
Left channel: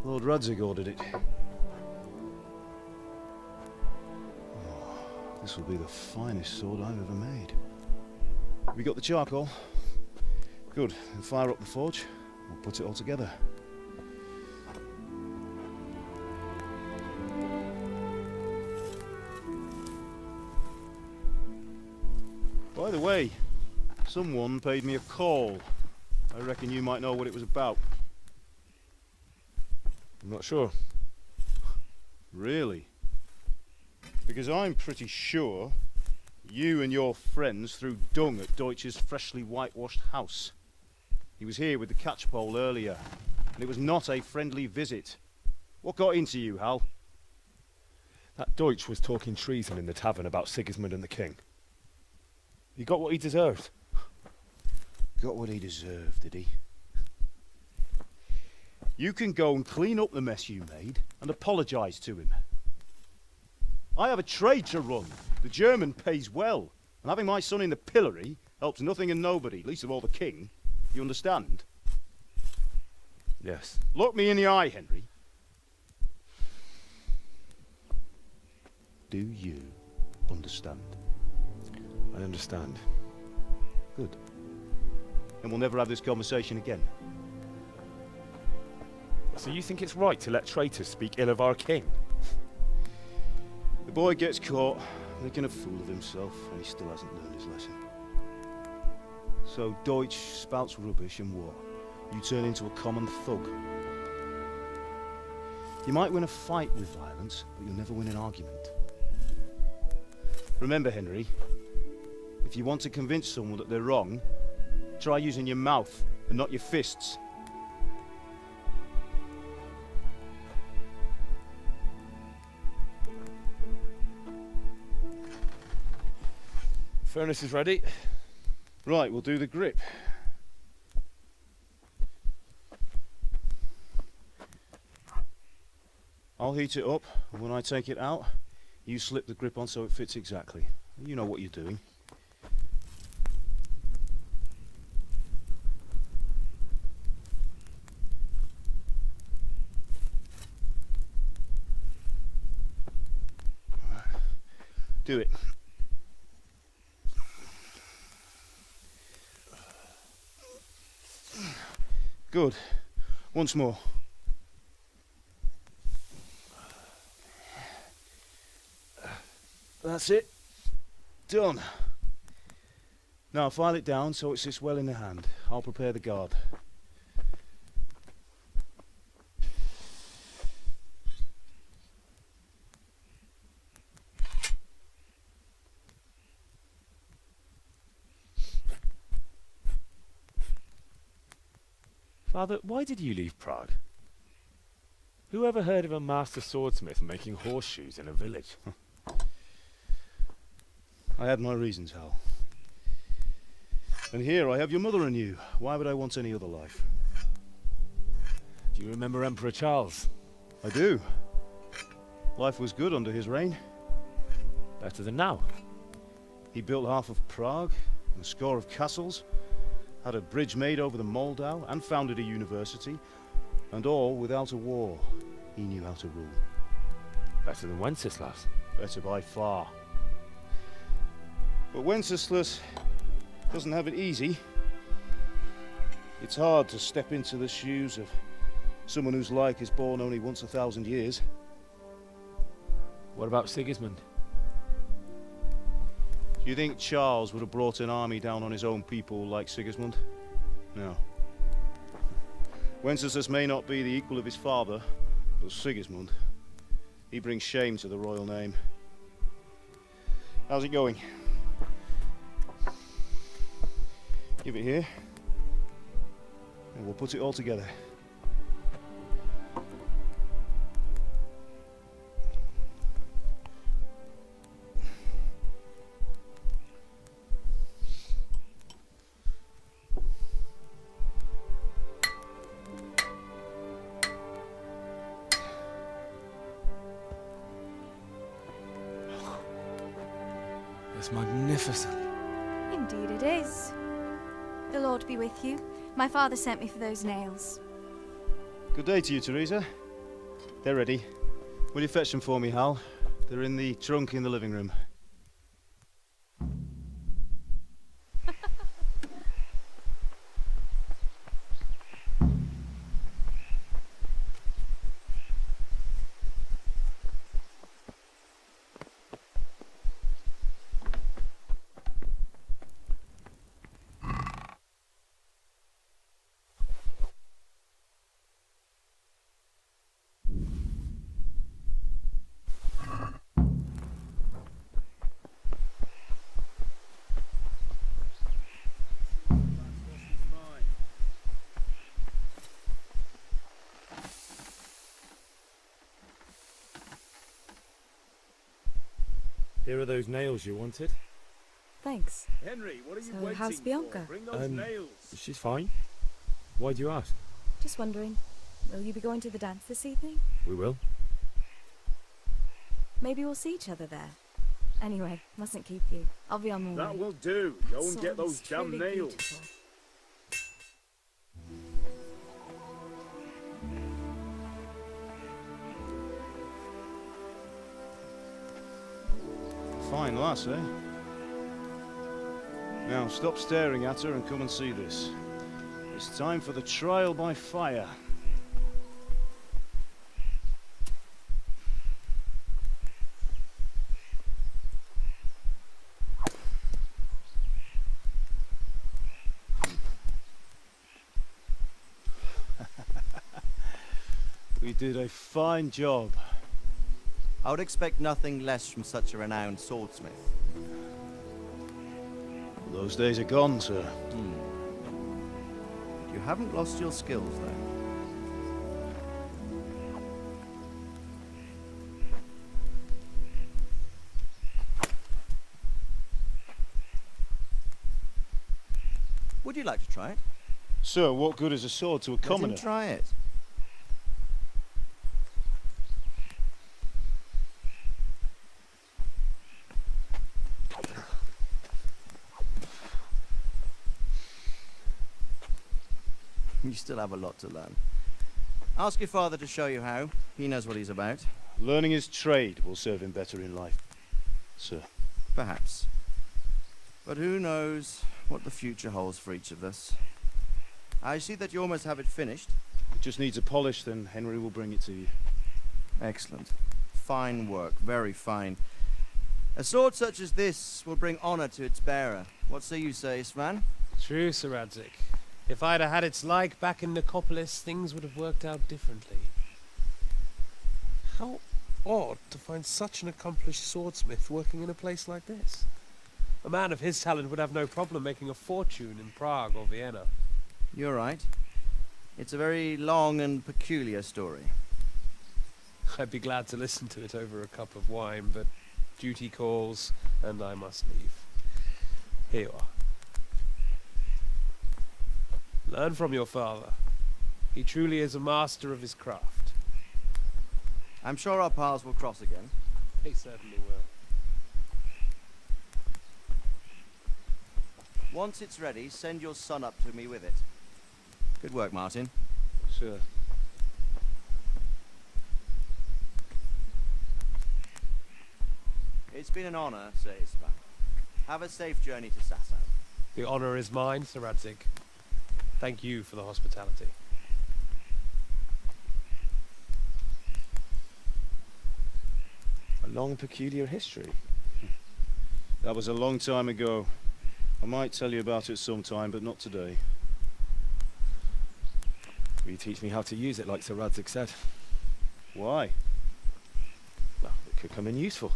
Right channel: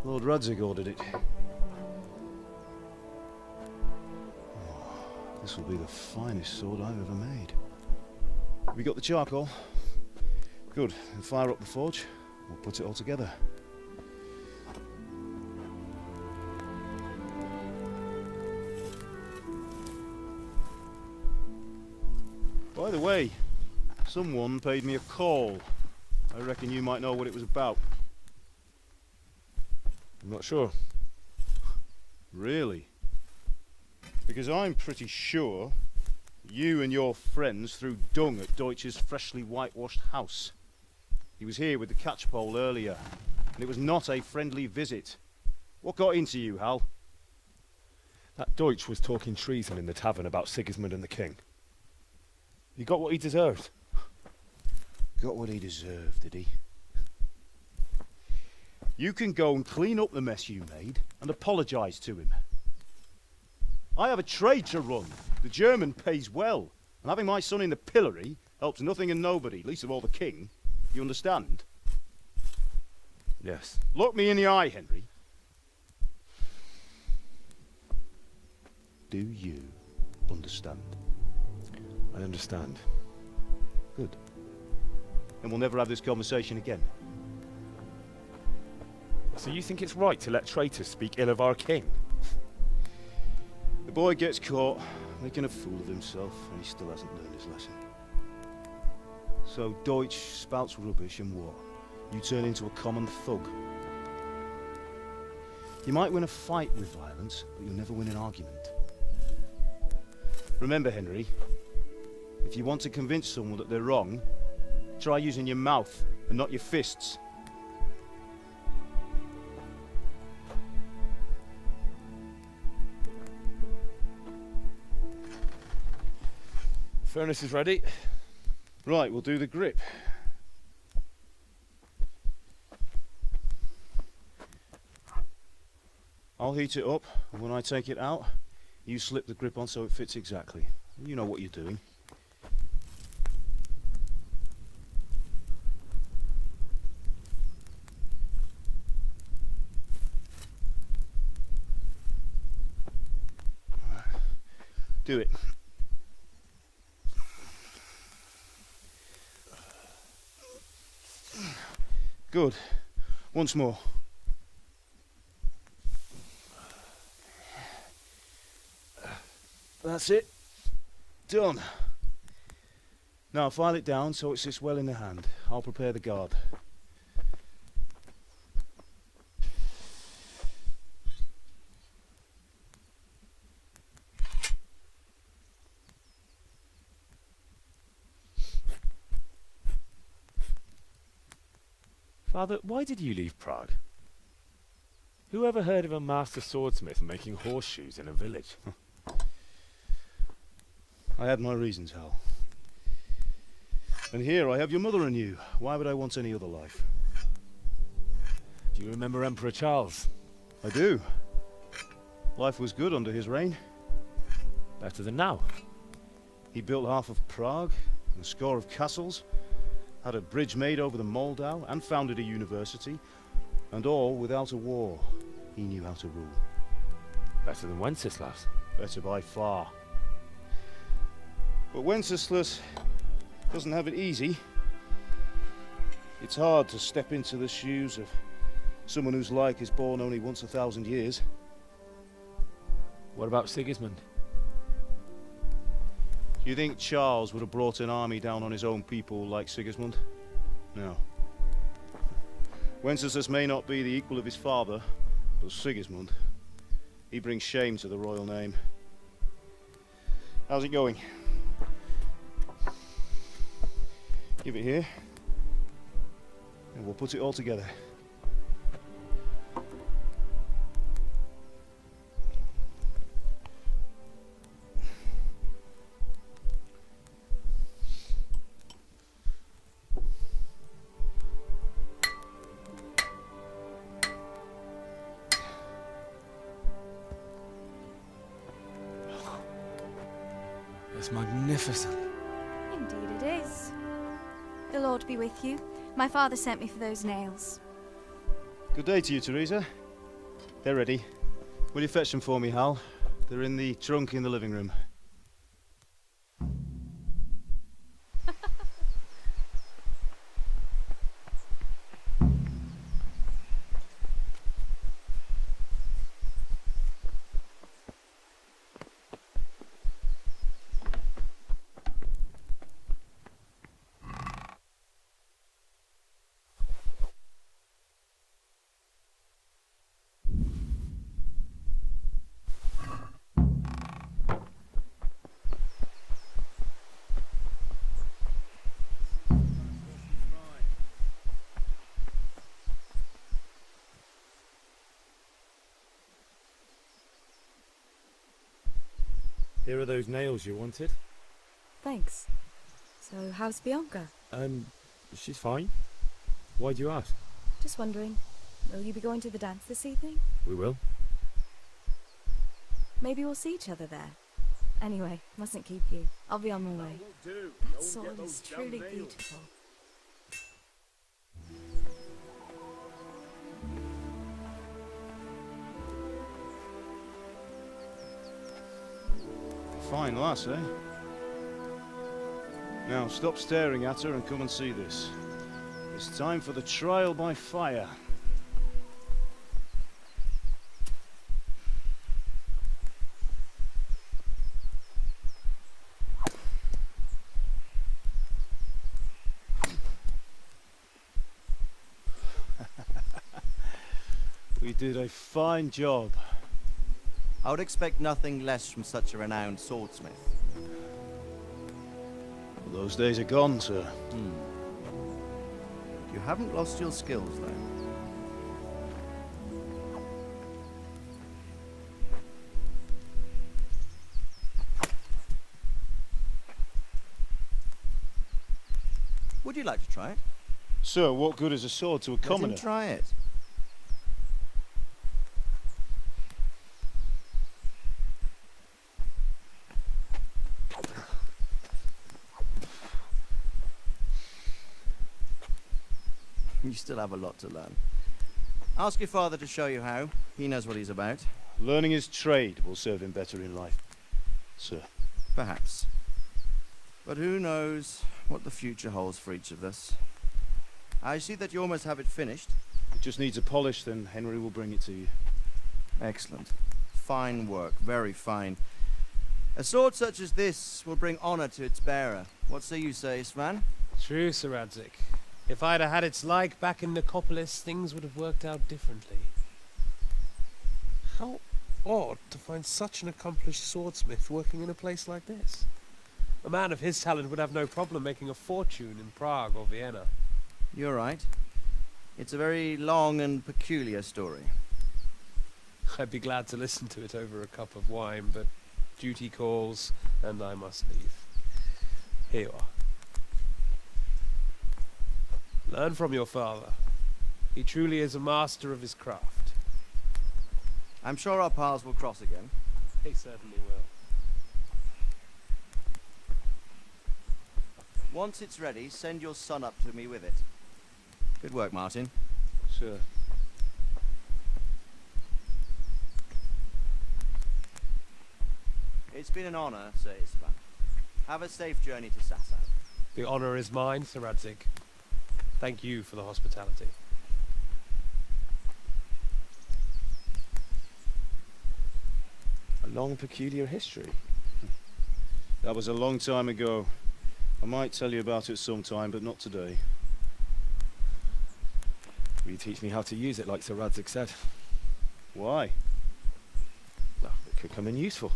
Lord Radzig ordered it. Oh, this will be the finest sword I've ever made. Have you got the charcoal? Good. Then fire up the forge. We'll put it all together. By the way, someone paid me a call. I reckon you might know what it was about. I'm not sure. Really? Because I'm pretty sure you and your friends threw dung at Deutsch's freshly whitewashed house. He was here with the catchpole earlier, and it was not a friendly visit. What got into you, Hal? That Deutsch was talking treason in the tavern about Sigismund and the king. He got what he deserved. Got what he deserved, did he? You can go and clean up the mess you made and apologise to him. I have a trade to run. The German pays well, and having my son in the pillory helps nothing and nobody, least of all the king. You understand? Yes. Look me in the eye, Henry. Do you understand? I understand. Good. And we'll never have this conversation again. So you think it's right to let traitors speak ill of our king? The boy gets caught, making a fool of himself, and he still hasn't learned his lesson. So Deutsch spouts rubbish and what? You turn into a common thug. You might win a fight with violence, but you'll never win an argument. Remember, Henry, if If you want to convince someone that they're wrong, try using your mouth and not your fists. Furnace is ready. Right, we'll do the grip. I'll heat it up, and when I take it out, you slip the grip on so it fits exactly. You know what you're doing. Do it. Good. Once more. That's it. Done. Now file it down so it sits well in the hand. I'll prepare the guard. Father, why did you leave Prague? Who ever heard of a master swordsmith making horseshoes in a village? I had my reasons, Hal. And here I have your mother and you. Why would I want any other life? Do you remember Emperor Charles? I do. Life was good under his reign. Better than now. He built half of Prague, and a score of castles, had a bridge made over the Moldau, and founded a university, and all without a war. He knew how to rule. Better than Wenceslas. Better by far. But Wenceslas doesn't have it easy. It's hard to step into the shoes of someone whose like is born only once 1,000 years. What about Sigismund? Do you think Charles would have brought an army down on his own people like Sigismund? No. Wenceslas may not be the equal of his father, but Sigismund, he brings shame to the royal name. How's it going? Give it here, and we'll put it all together. It's magnificent. Indeed it is. The Lord be with you. My father sent me for those nails. Good day to you, Teresa. They're ready. Will you fetch them for me, Hal? They're in the trunk in the living room. Here are those nails you wanted. Thanks. Henry, what are you So, waiting how's Bianca? for? Bring those nails. She's fine. Why do you ask? Just wondering, will you be going to the dance this evening? We will. Maybe we'll see each other there. Anyway, mustn't keep you. I'll be on my way. That will do. Go and get those damn Truly nails. beautiful. Fine lass, eh? Now stop staring at her and come and see this. It's time for the trial by fire. We did a fine job. I would expect nothing less from such a renowned swordsmith. Those days are gone, sir. You haven't lost your skills, though. Would you like to try it? Sir, what good is a sword to a commoner? Let him try it. You still have a lot to learn. Ask your father to show you how. He knows what he's about. Learning his trade will serve him better in life, sir. Perhaps. But who knows what the future holds for each of us. I see that you almost have it finished. It just needs a polish, then Henry will bring it to you. Excellent. Fine work, very fine. A sword such as this will bring honor to its bearer. What say you, Svan? True, Sir Radzik. If I'd have had its like back in Nicopolis, things would have worked out differently. How odd to find such an accomplished swordsmith working in a place like this. A man of his talent would have no problem making a fortune in Prague or Vienna. You're right. It's a very long and peculiar story. I'd be glad to listen to it over a cup of wine, but duty calls, and I must leave. Here you are. Learn from your father. He truly is a master of his craft. I'm sure our paths will cross again. He certainly will. Once it's ready, send your son up to me with it. Good work, Martin. Sir. It's been an honor, Sir Isvan. Have a safe journey to Sasau. The honor is mine, Sir Radzik. Thank you for the hospitality. A long, peculiar history. That was a long time ago. I might tell you about it sometime, but not today. Will you teach me how to use it, like Sir Radzik said? Why? Well, it could come in useful.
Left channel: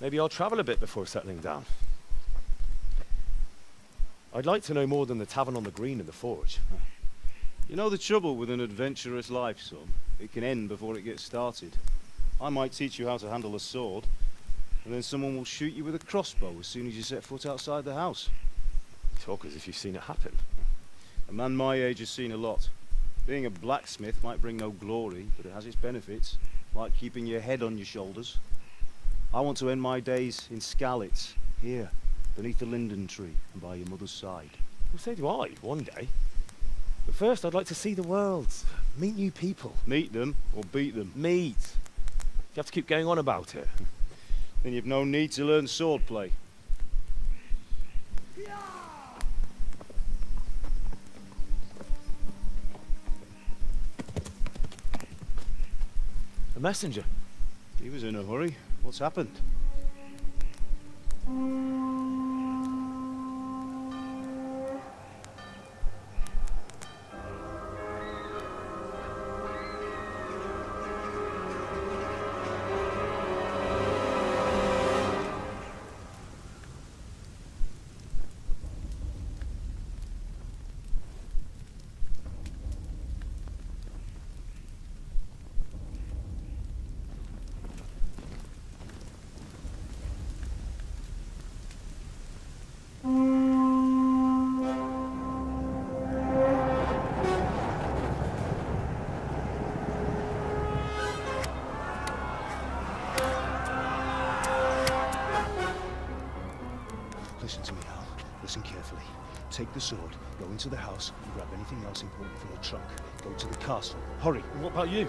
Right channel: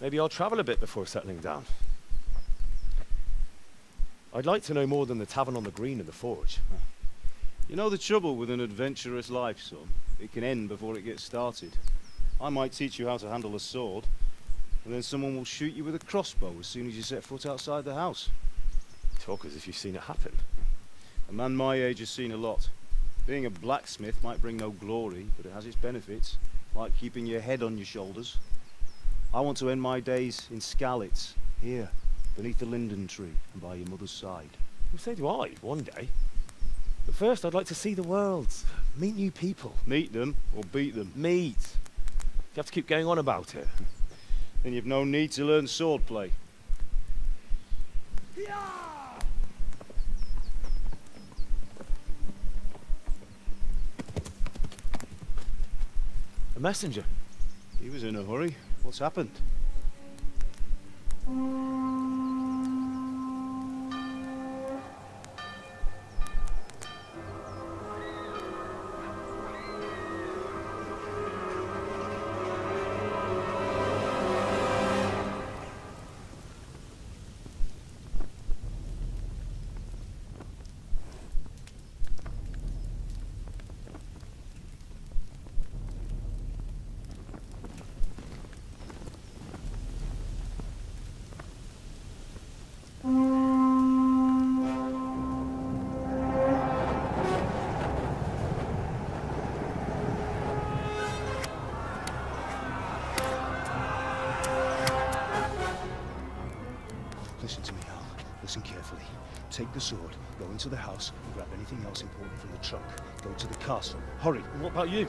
Maybe I'll travel a bit before settling down. I'd like to know more than the tavern on the green and the forge. You know the trouble with an adventurous life, son? It can end before it gets started. I might teach you how to handle a sword, and then someone will shoot you with a crossbow as soon as you set foot outside the house. You talk as if you've seen it happen. A man my age has seen a lot. Being a blacksmith might bring no glory, but it has its benefits, like keeping your head on your shoulders. I want to end my days in Skalitz, here, beneath the linden tree and by your mother's side. Well, so do I, one day. But first I'd like to see the world, meet new people. Meet them, or beat them? Meet. You have to keep going on about it. Then you've no need to learn swordplay. A messenger. He was in a hurry. What's happened? Listen to me, Hal. Listen carefully. Take the sword, go into the house, and grab anything else important from the trunk. Go to the castle. Hurry! What about you?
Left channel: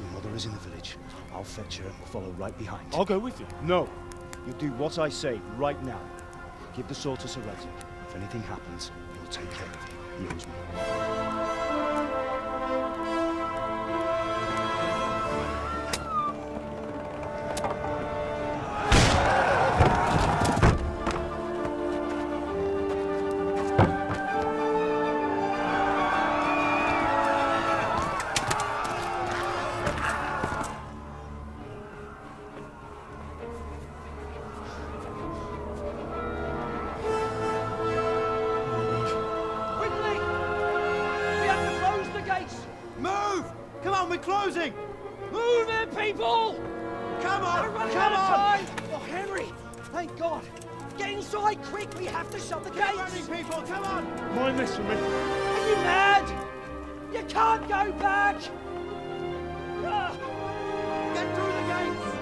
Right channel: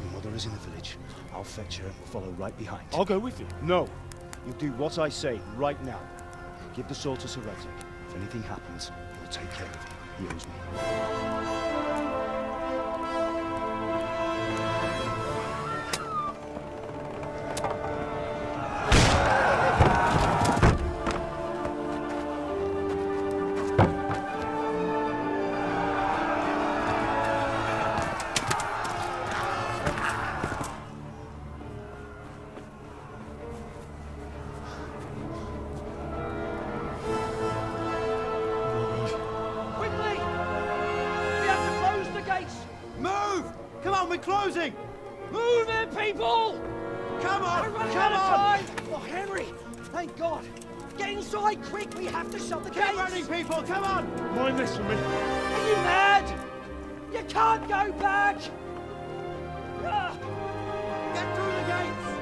Your mother is in the village. I'll fetch her and we'll follow right behind. I'll go with you. No! You'll do what I say right now. Give the sword to Sir Radzik. If anything happens, he'll take care of you. He owes me. closing! Move it, people! Come on! We're running Come out of on! time! Oh, Henry! Thank God! Get inside quick! We have to shut the gates! Running, people! Come on! Mind this for me. Are you mad? You can't go back! Ah. Get through the gates!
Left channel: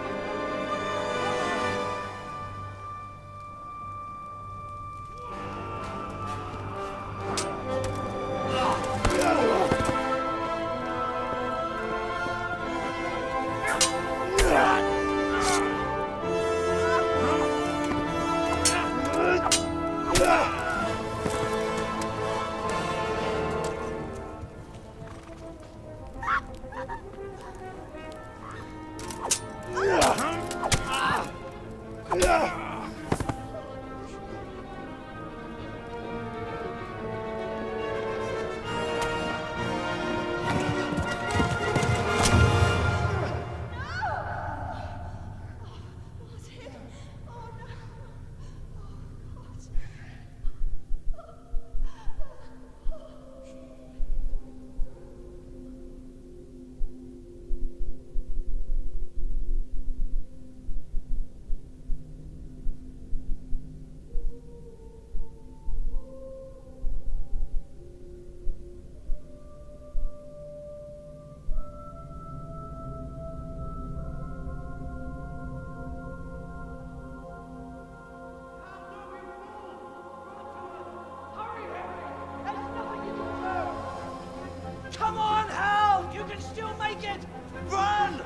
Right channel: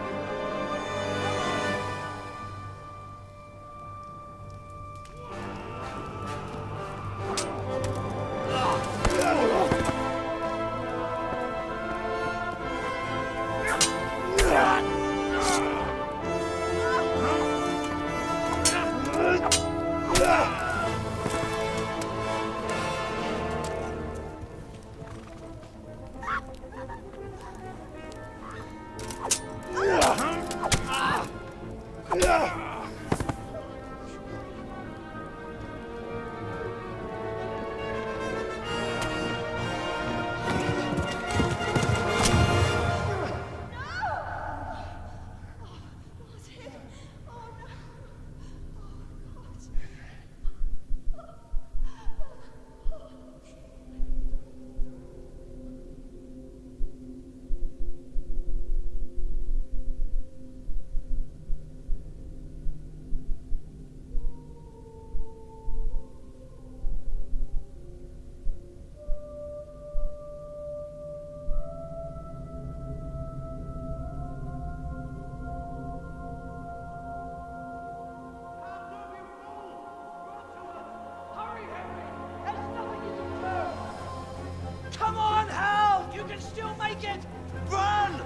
Come on, Hal! You can still make it! Run!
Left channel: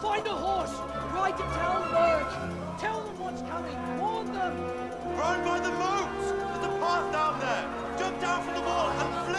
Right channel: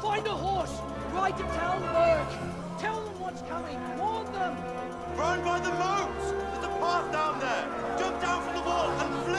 Find a horse! Ride to Talmberg! Tell them what's coming! Warn them! Run by the moat! There's a path down there! Jump down from the wall and flee!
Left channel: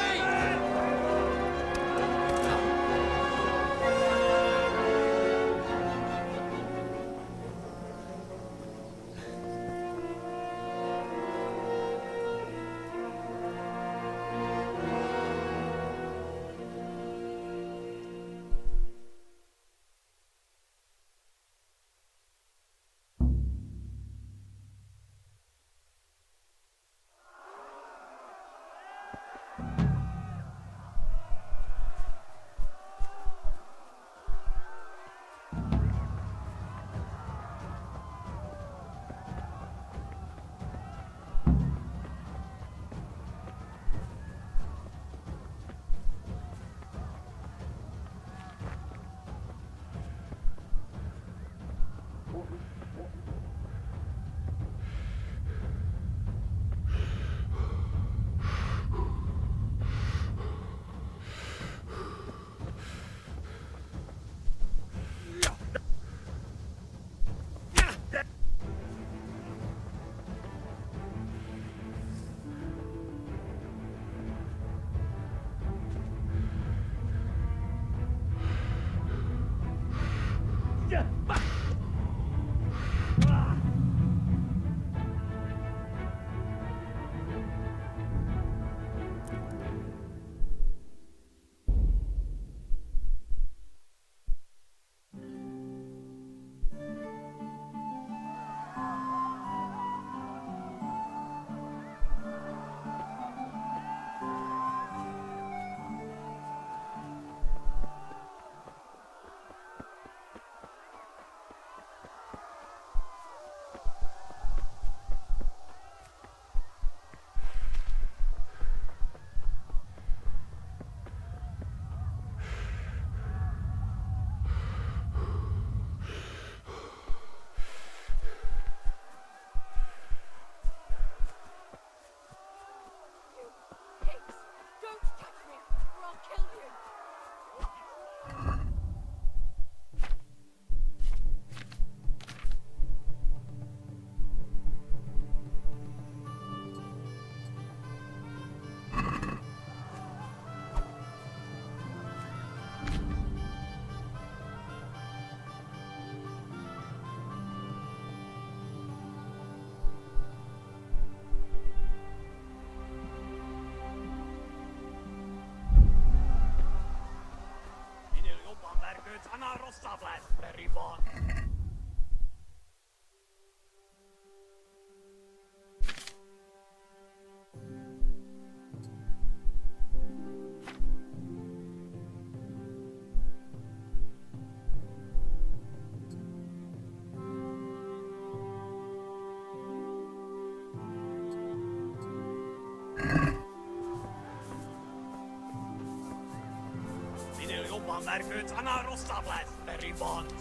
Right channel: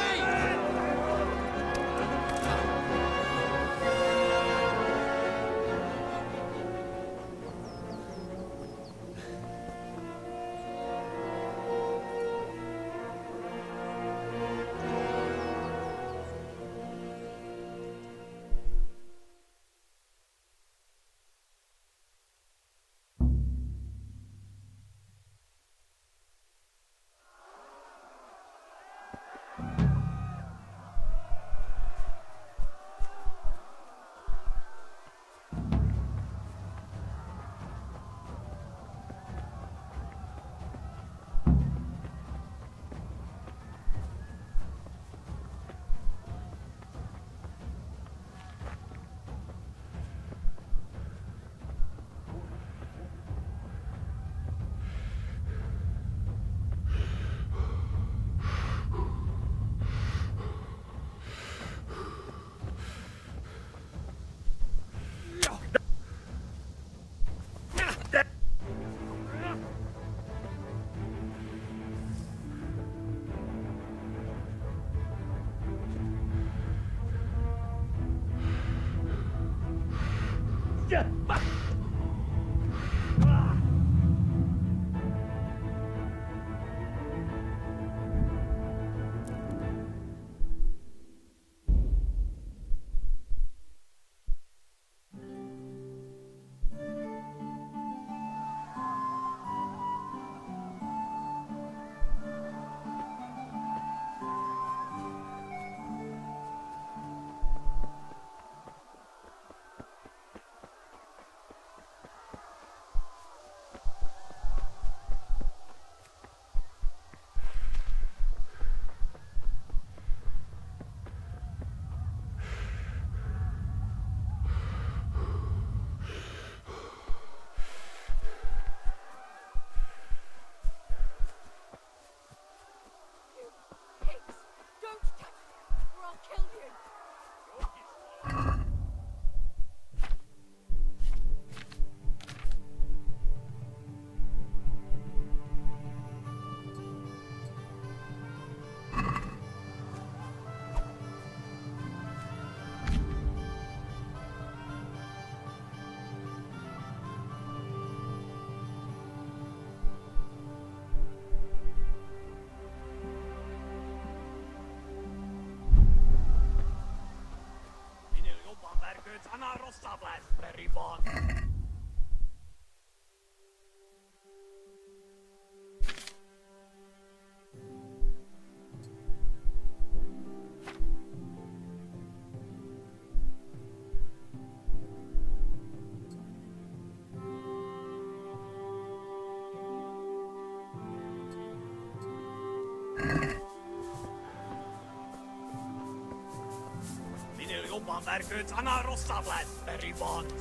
jobban vergődsz, annál rosszabb lesz, Beribont!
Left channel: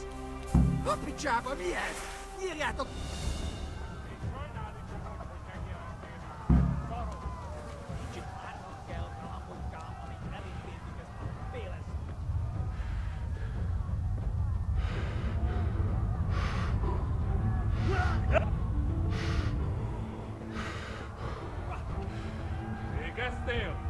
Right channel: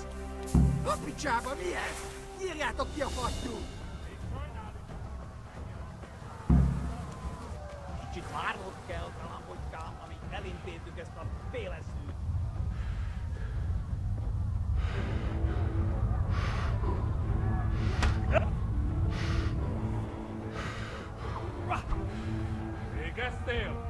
A picsába mi ez? Írjátok! Végeztél?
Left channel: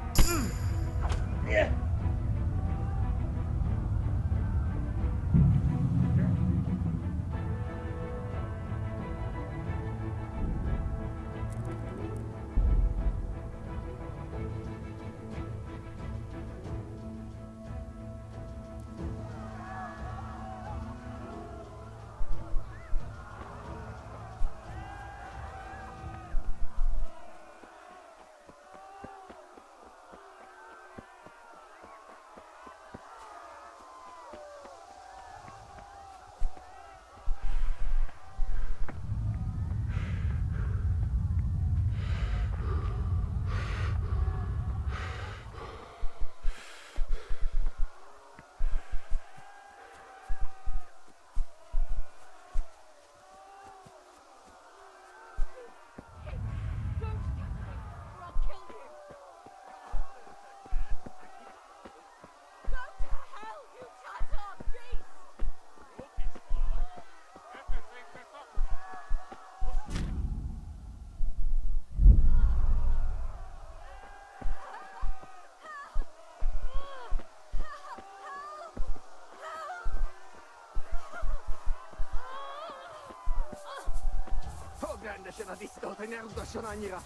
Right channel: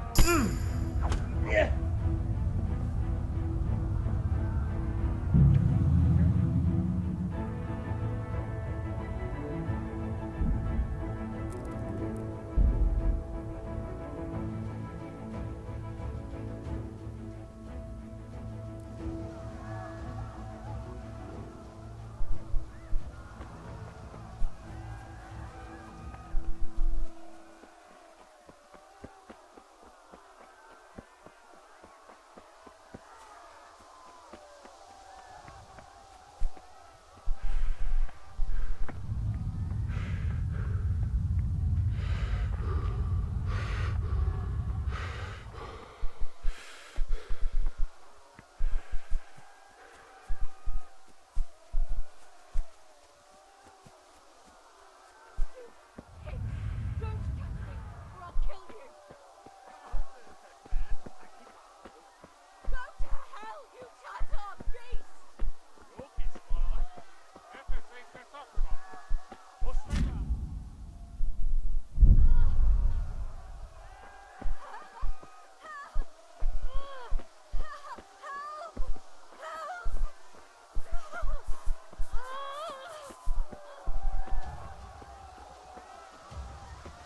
Fogd rendesen a disznót, hogy ne rugdosson annyira!